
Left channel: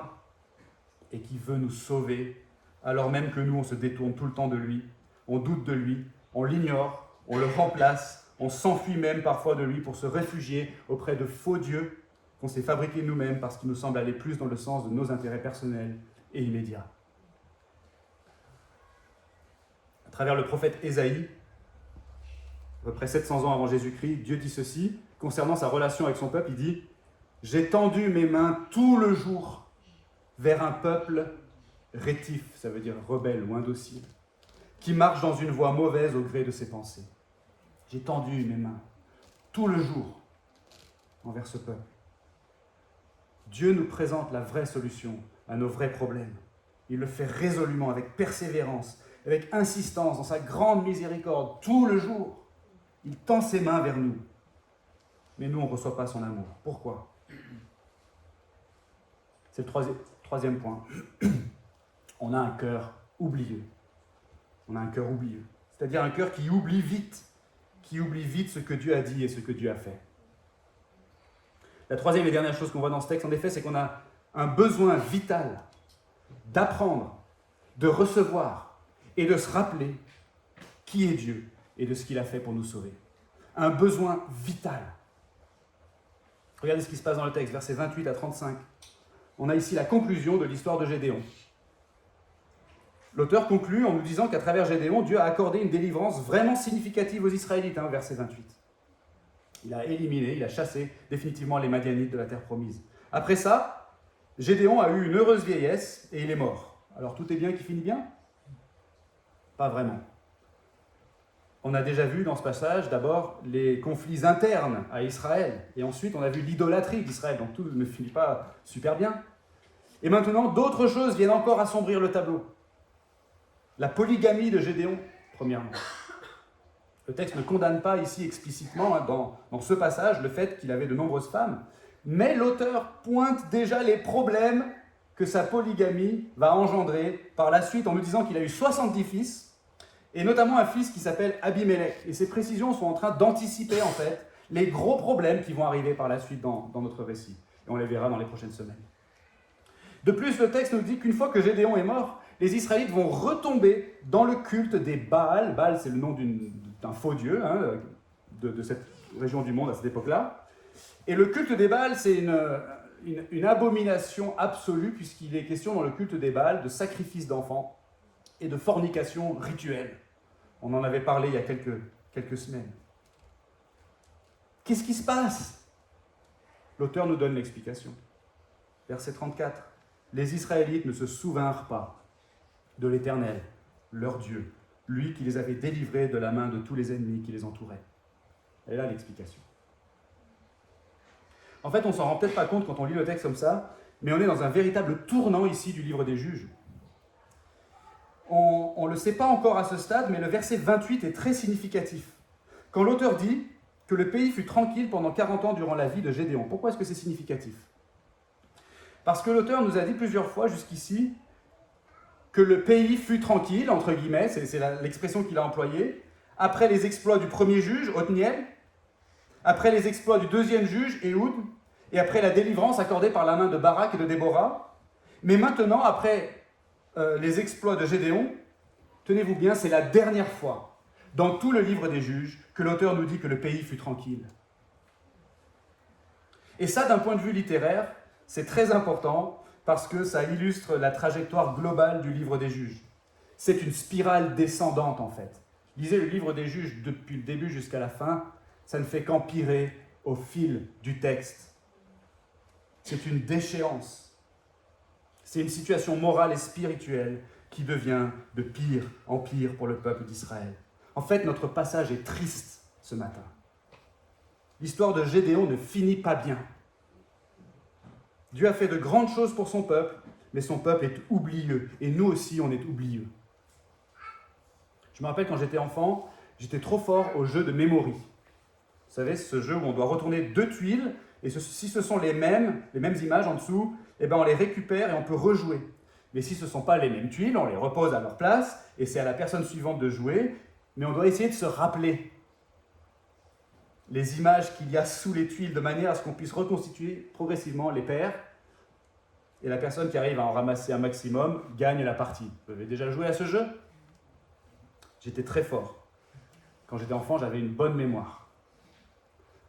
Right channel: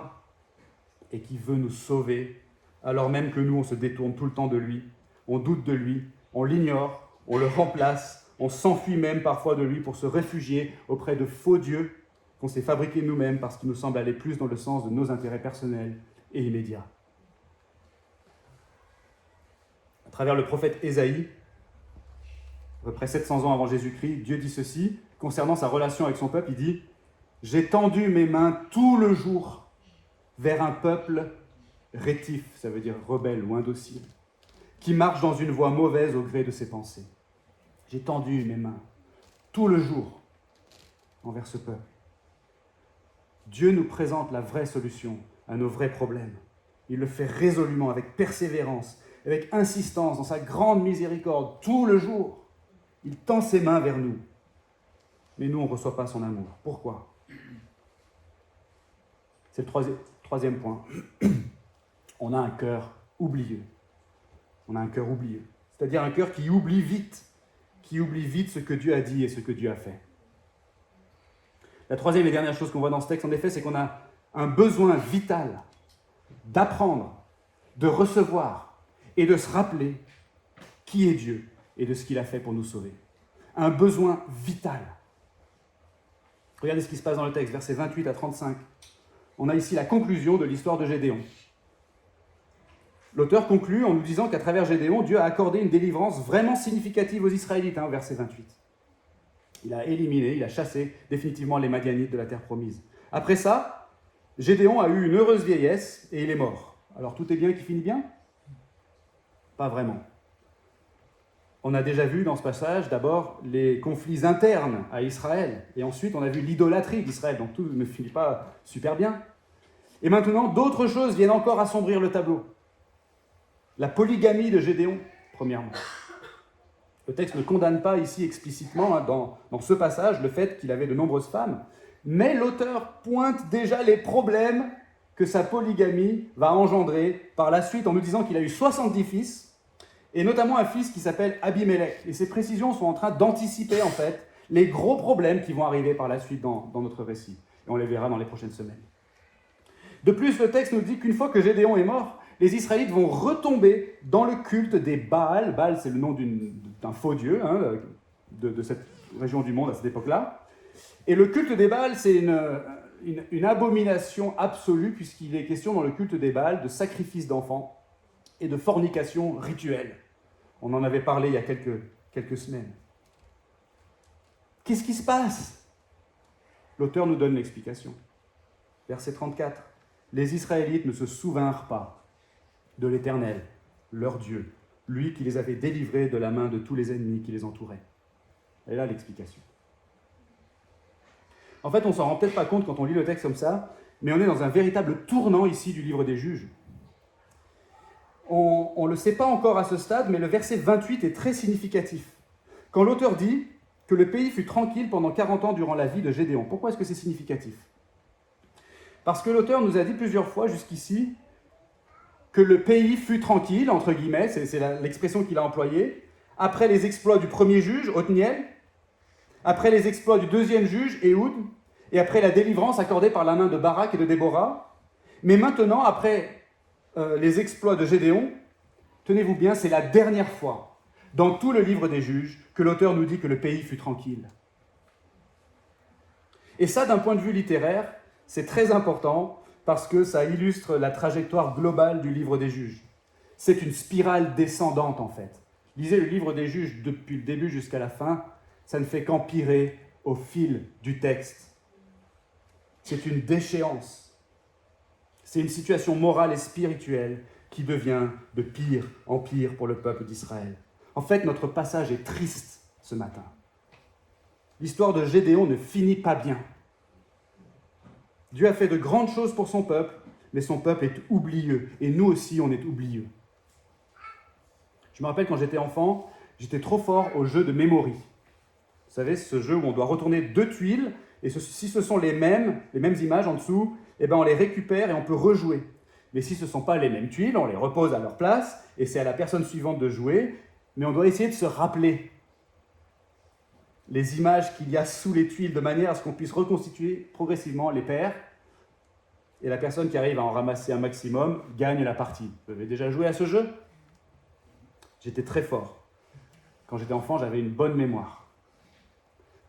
et qui veut nous sauver, alors même que nous, on se détourne tout le temps de lui, on doute de lui, on l'ignore, on le remplace, on s'enfuit même parfois de lui pour se réfugier auprès de faux dieux qu'on s'est fabriqués nous-mêmes parce qu'ils nous semblent aller plus dans le sens de nos intérêts personnels et immédiats. travers le prophète Ésaïe, à peu près 700 ans avant Jésus-Christ, Dieu dit ceci, concernant sa relation avec son peuple, il dit « J'ai tendu mes mains tout le jour vers un peuple rétif », ça veut dire rebelle ou indocile, qui marche dans une voie mauvaise au gré de ses pensées. J'ai tendu mes mains tout le jour envers ce peuple. Dieu nous présente la vraie solution à nos vrais problèmes. Il le fait résolument, avec persévérance, avec insistance, dans sa grande miséricorde, tout le jour. Il tend ses mains vers nous. Mais nous, on ne reçoit pas son amour. Pourquoi ? C'est le troisième point. On a un cœur oublieux. On a un cœur oublieux. C'est-à-dire un cœur qui oublie vite ce que Dieu a dit et ce que Dieu a fait. La troisième et dernière chose qu'on voit dans ce texte, en effet, c'est qu'on a un besoin vital d'apprendre, de recevoir et de se rappeler qui est Dieu et de ce qu'il a fait pour nous sauver. Un besoin vital. Regardez ce qui se passe dans le texte, versets 28 à 35. On a ici la conclusion de l'histoire de Gédéon. L'auteur conclut en nous disant qu'à travers Gédéon, Dieu a accordé une délivrance vraiment significative aux Israélites, verset 28. Il a éliminé, il a chassé définitivement les Madianites de la terre promise. Après ça, Gédéon a eu une heureuse vieillesse et il est mort. Alors tout est bien qui finit bien ? Pas vraiment. On a déjà vu dans ce passage d'abord les conflits internes à Israël et ensuite on a vu l'idolâtrie d'Israël, donc tout ne finit pas super bien. Et maintenant, d'autres choses viennent encore assombrir le tableau. La polygamie de Gédéon, premièrement. Le texte ne condamne pas ici explicitement, dans ce passage, le fait qu'il avait de nombreuses femmes, mais l'auteur pointe déjà les problèmes que sa polygamie va engendrer par la suite en nous disant qu'il a eu 70 fils, et notamment un fils qui s'appelle Abimélec. Et ces précisions sont en train d'anticiper en fait les gros problèmes qui vont arriver par la suite dans notre récit. Et on les verra dans les prochaines semaines. De plus, le texte nous dit qu'une fois que Gédéon est mort, les Israélites vont retomber dans le culte des Baal. Baal, c'est le nom d'un faux dieu de cette région du monde à cette époque-là. Et le culte des Baal, c'est une abomination absolue, puisqu'il est question dans le culte des Baal de sacrifice d'enfants et de fornication rituelle. On en avait parlé il y a quelques semaines. Qu'est-ce qui se passe ? L'auteur nous donne l'explication. Verset 34. Les Israélites ne se souvinrent pas de l'Éternel, leur Dieu, lui qui les avait délivrés de la main de tous les ennemis qui les entouraient. Et là, l'explication. En fait, on ne s'en rend peut-être pas compte quand on lit le texte comme ça, mais on est dans un véritable tournant ici du livre des Juges. On ne le sait pas encore à ce stade, mais le verset 28 est très significatif. Quand l'auteur dit que le pays fut tranquille pendant 40 ans durant la vie de Gédéon. Pourquoi est-ce que c'est significatif ? Parce que l'auteur nous a dit plusieurs fois jusqu'ici que le pays fut tranquille, entre guillemets, c'est l'expression qu'il a employée, après les exploits du premier juge, Othniel, après les exploits du deuxième juge, Éhoud, et après la délivrance accordée par la main de Barak et de Déborah. Mais maintenant, après les exploits de Gédéon, tenez-vous bien, c'est la dernière fois dans tout le livre des juges que l'auteur nous dit que le pays fut tranquille. Et ça, d'un point de vue littéraire, c'est très important parce que ça illustre la trajectoire globale du livre des juges. C'est une spirale descendante en fait. Lisez le livre des juges depuis le début jusqu'à la fin, ça ne fait qu'empirer au fil du texte. C'est une déchéance. C'est une situation morale et spirituelle qui devient de pire en pire pour le peuple d'Israël. En fait, notre passage est triste ce matin. L'histoire de Gédéon ne finit pas bien. Dieu a fait de grandes choses pour son peuple, mais son peuple est oublieux. Et nous aussi, on est oublieux. Je me rappelle quand j'étais enfant, j'étais trop fort au jeu de Memory. Vous savez, ce jeu où on doit retourner 2 tuiles, et si ce sont les mêmes images en dessous, eh ben on les récupère et on peut rejouer. Mais si ce ne sont pas les mêmes tuiles, on les repose à leur place, et c'est à la personne suivante de jouer, mais on doit essayer de se rappeler les images qu'il y a sous les tuiles, de manière à ce qu'on puisse reconstituer progressivement les paires, et la personne qui arrive à en ramasser un maximum gagne la partie. Vous avez déjà joué à ce jeu ? J'étais très fort. Quand j'étais enfant, j'avais une bonne mémoire.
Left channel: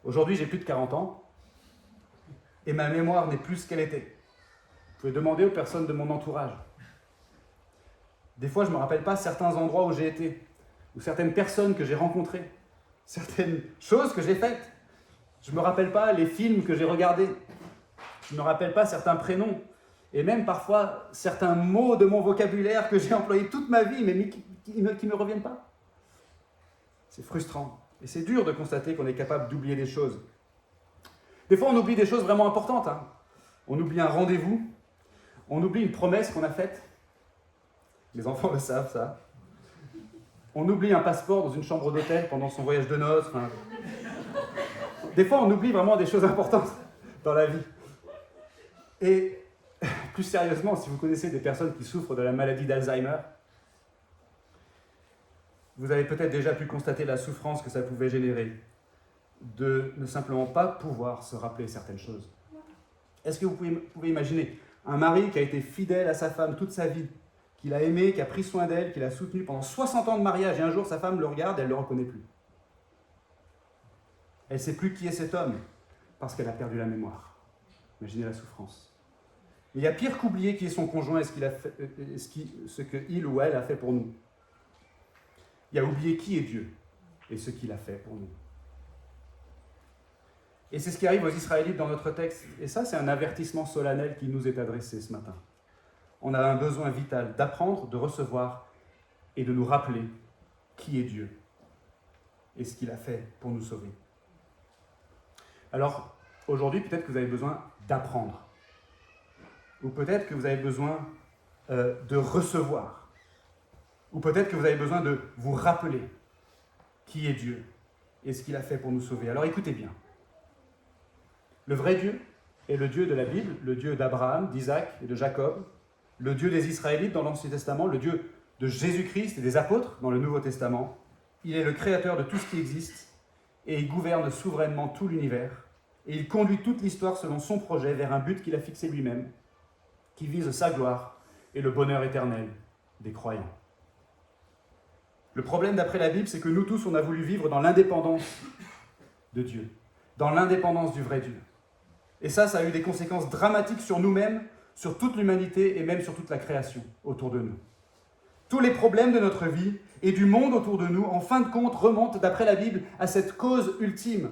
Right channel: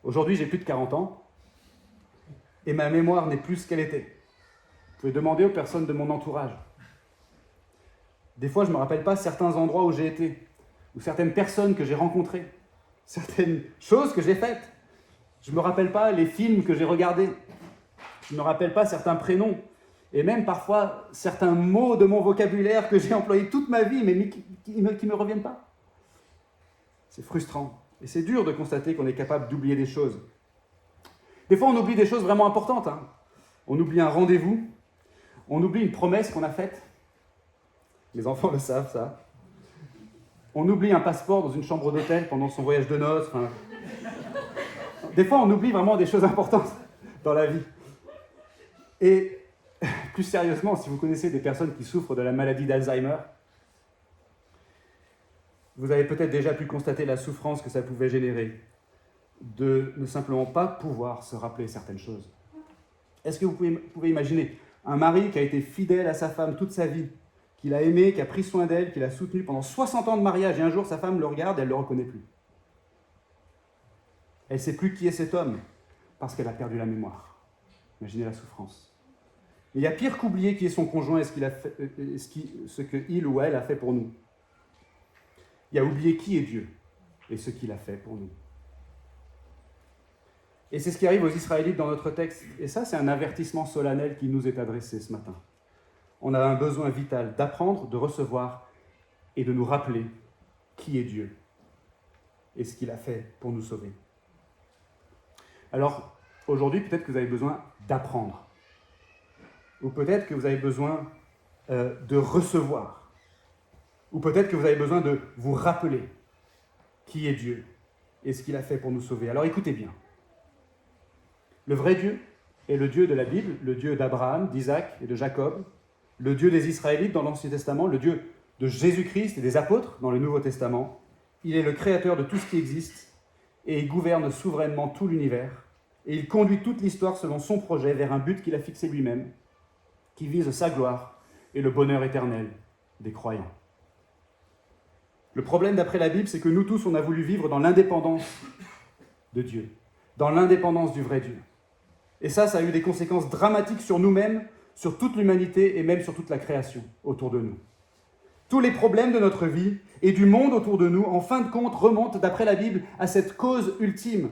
Aujourd'hui, j'ai plus de 40 ans, et ma mémoire n'est plus ce qu'elle était. Vous pouvez demander aux personnes de mon entourage. Des fois, je ne me rappelle pas certains endroits où j'ai été. ou certaines personnes que j'ai rencontrées, certaines choses que j'ai faites. Je ne me rappelle pas les films que j'ai regardés. Je ne me rappelle pas certains prénoms. Et même parfois certains mots de mon vocabulaire que j'ai employés toute ma vie, mais qui ne me reviennent pas. C'est frustrant. Et c'est dur de constater qu'on est capable d'oublier des choses. Des fois, on oublie des choses vraiment importantes. On oublie un rendez-vous. On oublie une promesse qu'on a faite. Les enfants le savent, ça. On oublie un passeport dans une chambre d'hôtel pendant son voyage de noces. Des fois, on oublie vraiment des choses importantes dans la vie. Et plus sérieusement, si vous connaissez des personnes qui souffrent de la maladie d'Alzheimer, vous avez peut-être déjà pu constater la souffrance que ça pouvait générer de ne simplement pas pouvoir se rappeler certaines choses. Est-ce que vous pouvez imaginer un mari qui a été fidèle à sa femme toute sa vie, qui l'a aimée, qui a pris soin d'elle, qui l'a soutenue pendant 60 ans de mariage, et un jour sa femme le regarde et elle ne le reconnaît plus. Elle ne sait plus qui est cet homme, parce qu'elle a perdu la mémoire. Imaginez la souffrance. Mais il y a pire qu'oublier qui est son conjoint et ce qu'il ou elle a fait pour nous. Il y a oublié qui est Dieu et ce qu'il a fait pour nous. Et c'est ce qui arrive aux Israélites dans notre texte. Et ça, c'est un avertissement solennel qui nous est adressé ce matin. On a un besoin vital d'apprendre, de recevoir et de nous rappeler qui est Dieu et ce qu'il a fait pour nous sauver. Alors, aujourd'hui, peut-être que vous avez besoin d'apprendre. Ou peut-être que vous avez besoin de recevoir. Ou peut-être que vous avez besoin de vous rappeler qui est Dieu et ce qu'il a fait pour nous sauver. Alors écoutez bien. Le vrai Dieu est le Dieu de la Bible, le Dieu d'Abraham, d'Isaac et de Jacob, le Dieu des Israélites dans l'Ancien Testament, le Dieu de Jésus-Christ et des apôtres dans le Nouveau Testament. Il est le créateur de tout ce qui existe et il gouverne souverainement tout l'univers. Et il conduit toute l'histoire selon son projet vers un but qu'il a fixé lui-même, qui vise sa gloire et le bonheur éternel des croyants. Le problème d'après la Bible, c'est que nous tous, on a voulu vivre dans l'indépendance de Dieu, dans l'indépendance du vrai Dieu. Et ça a eu des conséquences dramatiques sur nous-mêmes, sur toute l'humanité et même sur toute la création autour de nous. Tous les problèmes de notre vie et du monde autour de nous, en fin de compte, remontent, d'après la Bible, à cette cause ultime.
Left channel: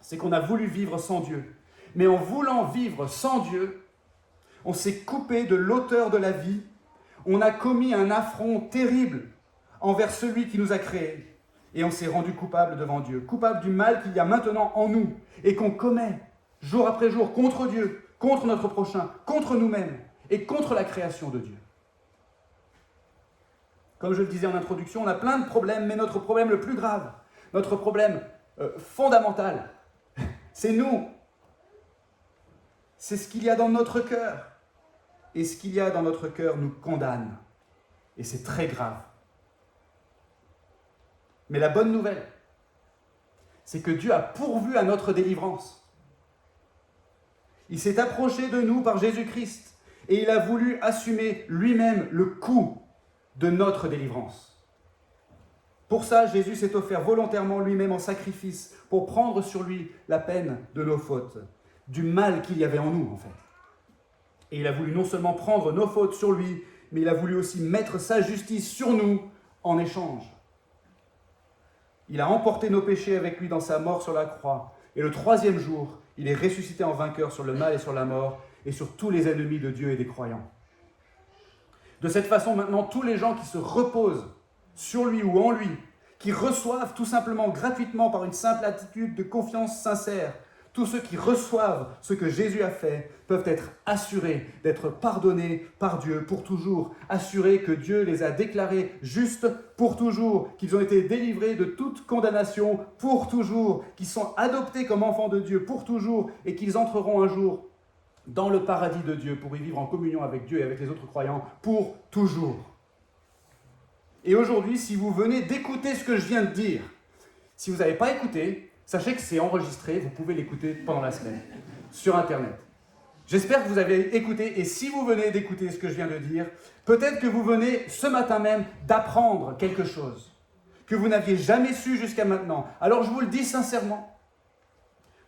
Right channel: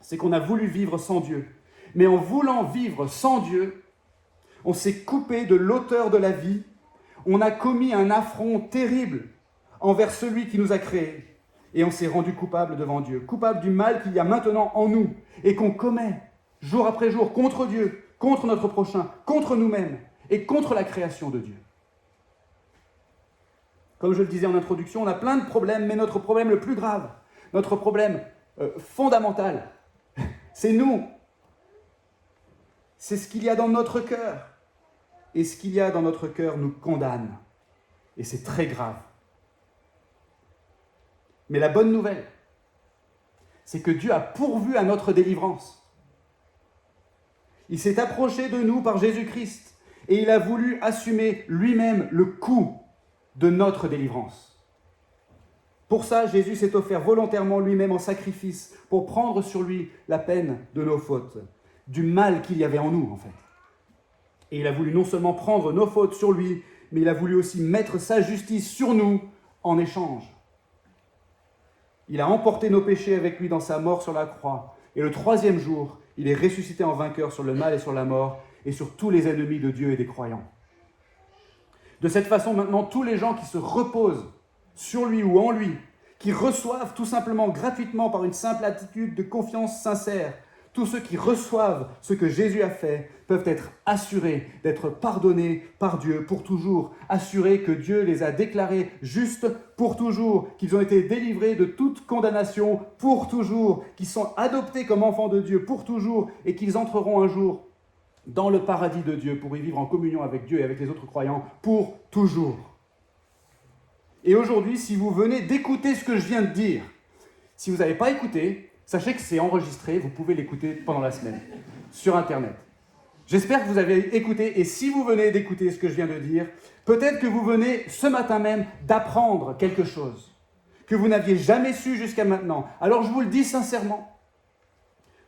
C'est qu'on a voulu vivre sans Dieu. Mais en voulant vivre sans Dieu, on s'est coupé de l'auteur de la vie, on a commis un affront terrible envers celui qui nous a créés, et on s'est rendu coupable devant Dieu, coupable du mal qu'il y a maintenant en nous, et qu'on commet jour après jour contre Dieu, contre notre prochain, contre nous-mêmes, et contre la création de Dieu. Comme je le disais en introduction, on a plein de problèmes, mais notre problème le plus grave, notre problème fondamental, c'est nous. C'est ce qu'il y a dans notre cœur. Et ce qu'il y a dans notre cœur nous condamne. Et c'est très grave. Mais la bonne nouvelle, c'est que Dieu a pourvu à notre délivrance. Il s'est approché de nous par Jésus-Christ et il a voulu assumer lui-même le coût de notre délivrance. Pour ça, Jésus s'est offert volontairement lui-même en sacrifice pour prendre sur lui la peine de nos fautes, du mal qu'il y avait en nous en fait. Et il a voulu non seulement prendre nos fautes sur lui, mais il a voulu aussi mettre sa justice sur nous en échange. Il a emporté nos péchés avec lui dans sa mort sur la croix. Et le troisième jour, il est ressuscité en vainqueur sur le mal et sur la mort et sur tous les ennemis de Dieu et des croyants. De cette façon, maintenant, tous les gens qui se reposent sur lui ou en lui, qui reçoivent tout simplement gratuitement par une simple attitude de confiance sincère, tous ceux qui reçoivent ce que Jésus a fait peuvent être assurés d'être pardonnés par Dieu pour toujours, assurés que Dieu les a déclarés justes pour toujours, qu'ils ont été délivrés de toute condamnation pour toujours, qu'ils sont adoptés comme enfants de Dieu pour toujours et qu'ils entreront un jour dans le paradis de Dieu pour y vivre en communion avec Dieu et avec les autres croyants pour toujours. Et aujourd'hui, si vous venez d'écouter ce que je viens de dire, si vous n'avez pas écouté, sachez que c'est enregistré, vous pouvez l'écouter pendant la semaine, sur Internet. J'espère que vous avez écouté, et si vous venez d'écouter ce que je viens de dire, peut-être que vous venez ce matin même d'apprendre quelque chose que vous n'aviez jamais su jusqu'à maintenant. Alors je vous le dis sincèrement,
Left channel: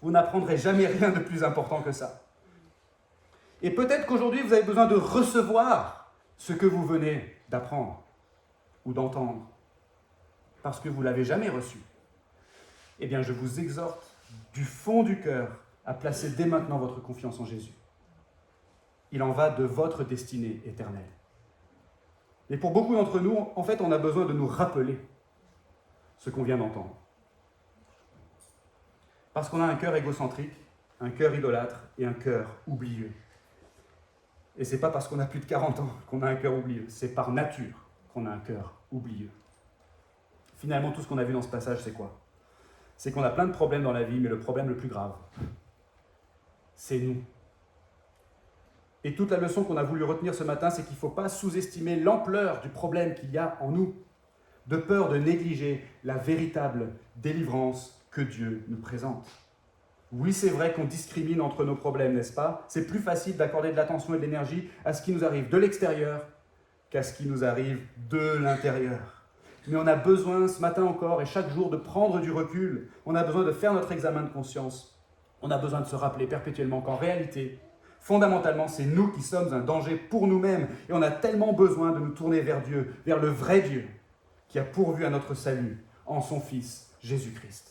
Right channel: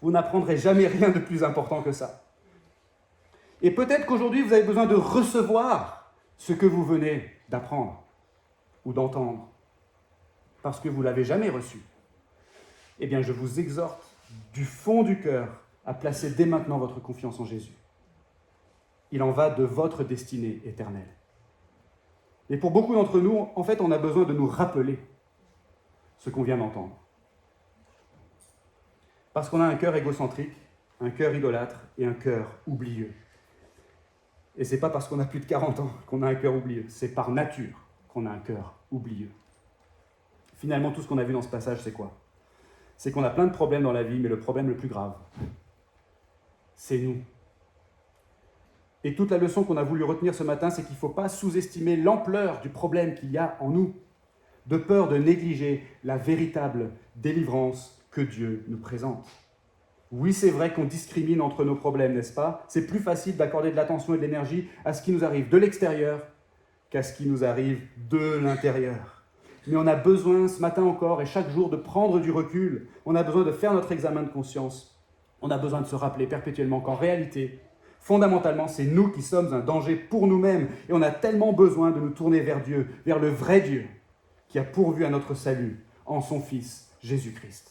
vous n'apprendrez jamais rien de plus important que ça. Et peut-être qu'aujourd'hui, vous avez besoin de recevoir ce que vous venez d'apprendre ou d'entendre. parce que vous ne l'avez jamais reçu, eh bien je vous exhorte du fond du cœur à placer dès maintenant votre confiance en Jésus. Il en va de votre destinée éternelle. Et pour beaucoup d'entre nous, en fait, on a besoin de nous rappeler ce qu'on vient d'entendre. Parce qu'on a un cœur égocentrique, un cœur idolâtre et un cœur oublieux. Et ce n'est pas parce qu'on a plus de 40 ans qu'on a un cœur oublieux, c'est par nature qu'on a un cœur oublieux. Finalement, tout ce qu'on a vu dans ce passage, c'est quoi? C'est qu'on a plein de problèmes dans la vie, mais le problème le plus grave, c'est nous. Et toute la leçon qu'on a voulu retenir ce matin, c'est qu'il ne faut pas sous-estimer l'ampleur du problème qu'il y a en nous, de peur de négliger la véritable délivrance que Dieu nous présente. Oui, c'est vrai qu'on discrimine entre nos problèmes, n'est-ce pas? C'est plus facile d'accorder de l'attention et de l'énergie à ce qui nous arrive de l'extérieur qu'à ce qui nous arrive de l'intérieur. Mais on a besoin, ce matin encore et chaque jour, de prendre du recul. On a besoin de faire notre examen de conscience. On a besoin de se rappeler perpétuellement qu'en réalité, fondamentalement, c'est nous qui sommes un danger pour nous-mêmes. Et on a tellement besoin de nous tourner vers Dieu, vers le vrai Dieu, qui a pourvu à notre salut en son Fils, Jésus-Christ.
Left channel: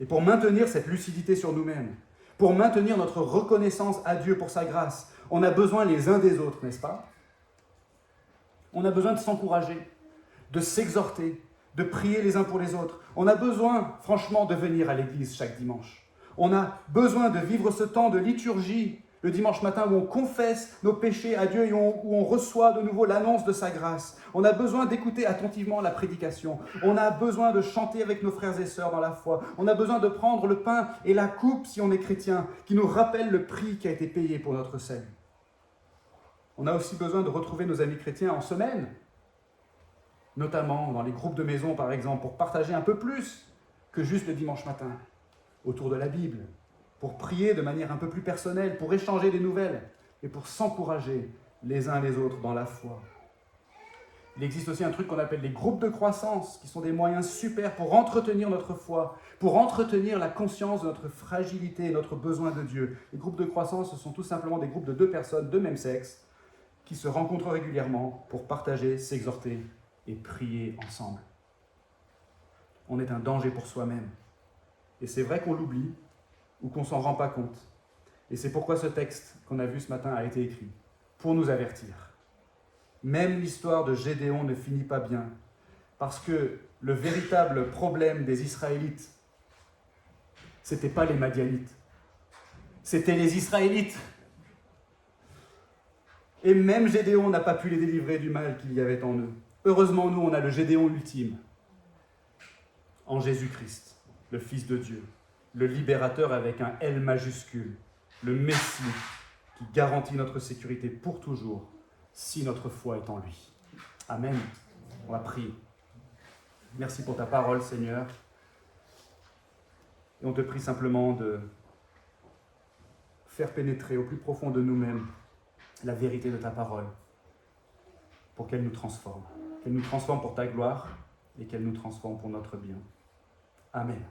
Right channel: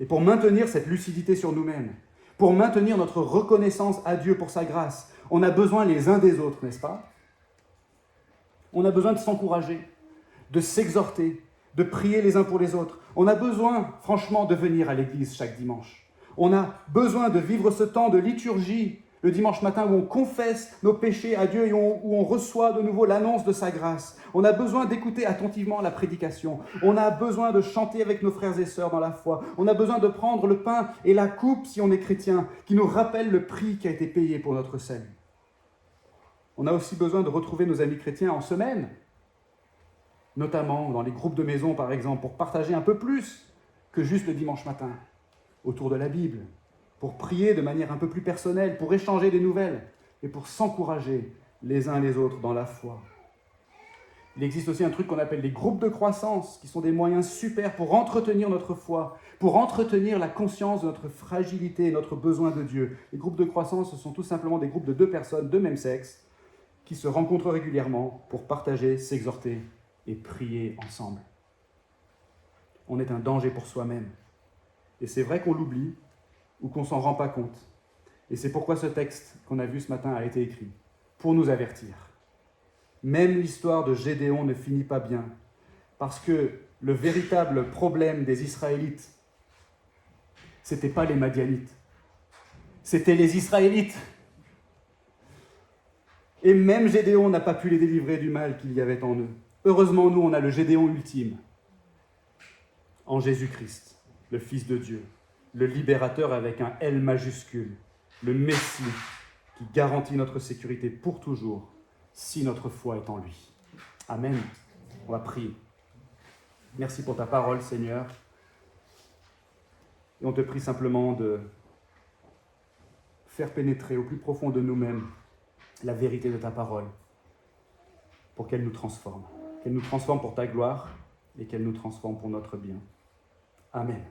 Et pour maintenir cette lucidité sur nous-mêmes, pour maintenir notre reconnaissance à Dieu pour sa grâce, on a besoin les uns des autres, n'est-ce pas? On a besoin de s'encourager, de s'exhorter, de prier les uns pour les autres. On a besoin, franchement, de venir à l'église chaque dimanche. On a besoin de vivre ce temps de liturgie le dimanche matin où on confesse nos péchés à Dieu et où on reçoit de nouveau l'annonce de sa grâce. On a besoin d'écouter attentivement la prédication. On a besoin de chanter avec nos frères et sœurs dans la foi. On a besoin de prendre le pain et la coupe, si on est chrétien, qui nous rappellent le prix qui a été payé pour notre salut. On a aussi besoin de retrouver nos amis chrétiens en semaine, notamment dans les groupes de maison, par exemple, pour partager un peu plus que juste le dimanche matin autour de la Bible, pour prier de manière un peu plus personnelle, pour échanger des nouvelles et pour s'encourager les uns les autres dans la foi. Il existe aussi un truc qu'on appelle les groupes de croissance, qui sont des moyens super pour entretenir notre foi, pour entretenir la conscience de notre fragilité et notre besoin de Dieu. Les groupes de croissance, ce sont tout simplement des groupes de 2 personnes de même sexe qui se rencontrent régulièrement pour partager, s'exhorter et prier ensemble. On est un danger pour soi-même. Et c'est vrai qu'on l'oublie, ou qu'on ne s'en rend pas compte. Et c'est pourquoi ce texte qu'on a vu ce matin a été écrit, pour nous avertir. Même l'histoire de Gédéon ne finit pas bien, parce que le véritable problème des Israélites, ce n'était pas les Madianites, c'était les Israélites. Et même Gédéon n'a pas pu les délivrer du mal qu'il y avait en eux. Heureusement, nous, on a le Gédéon ultime, en Jésus-Christ, le Fils de Dieu, le libérateur avec un L majuscule, le Messie qui garantit notre sécurité pour toujours si notre foi est en lui. Amen. On va prier. Merci pour ta parole, Seigneur. Et on te prie simplement de faire pénétrer au plus profond de nous-mêmes la vérité de ta parole pour qu'elle nous transforme. Qu'elle nous transforme pour ta gloire et qu'elle nous transforme pour notre bien. Amen.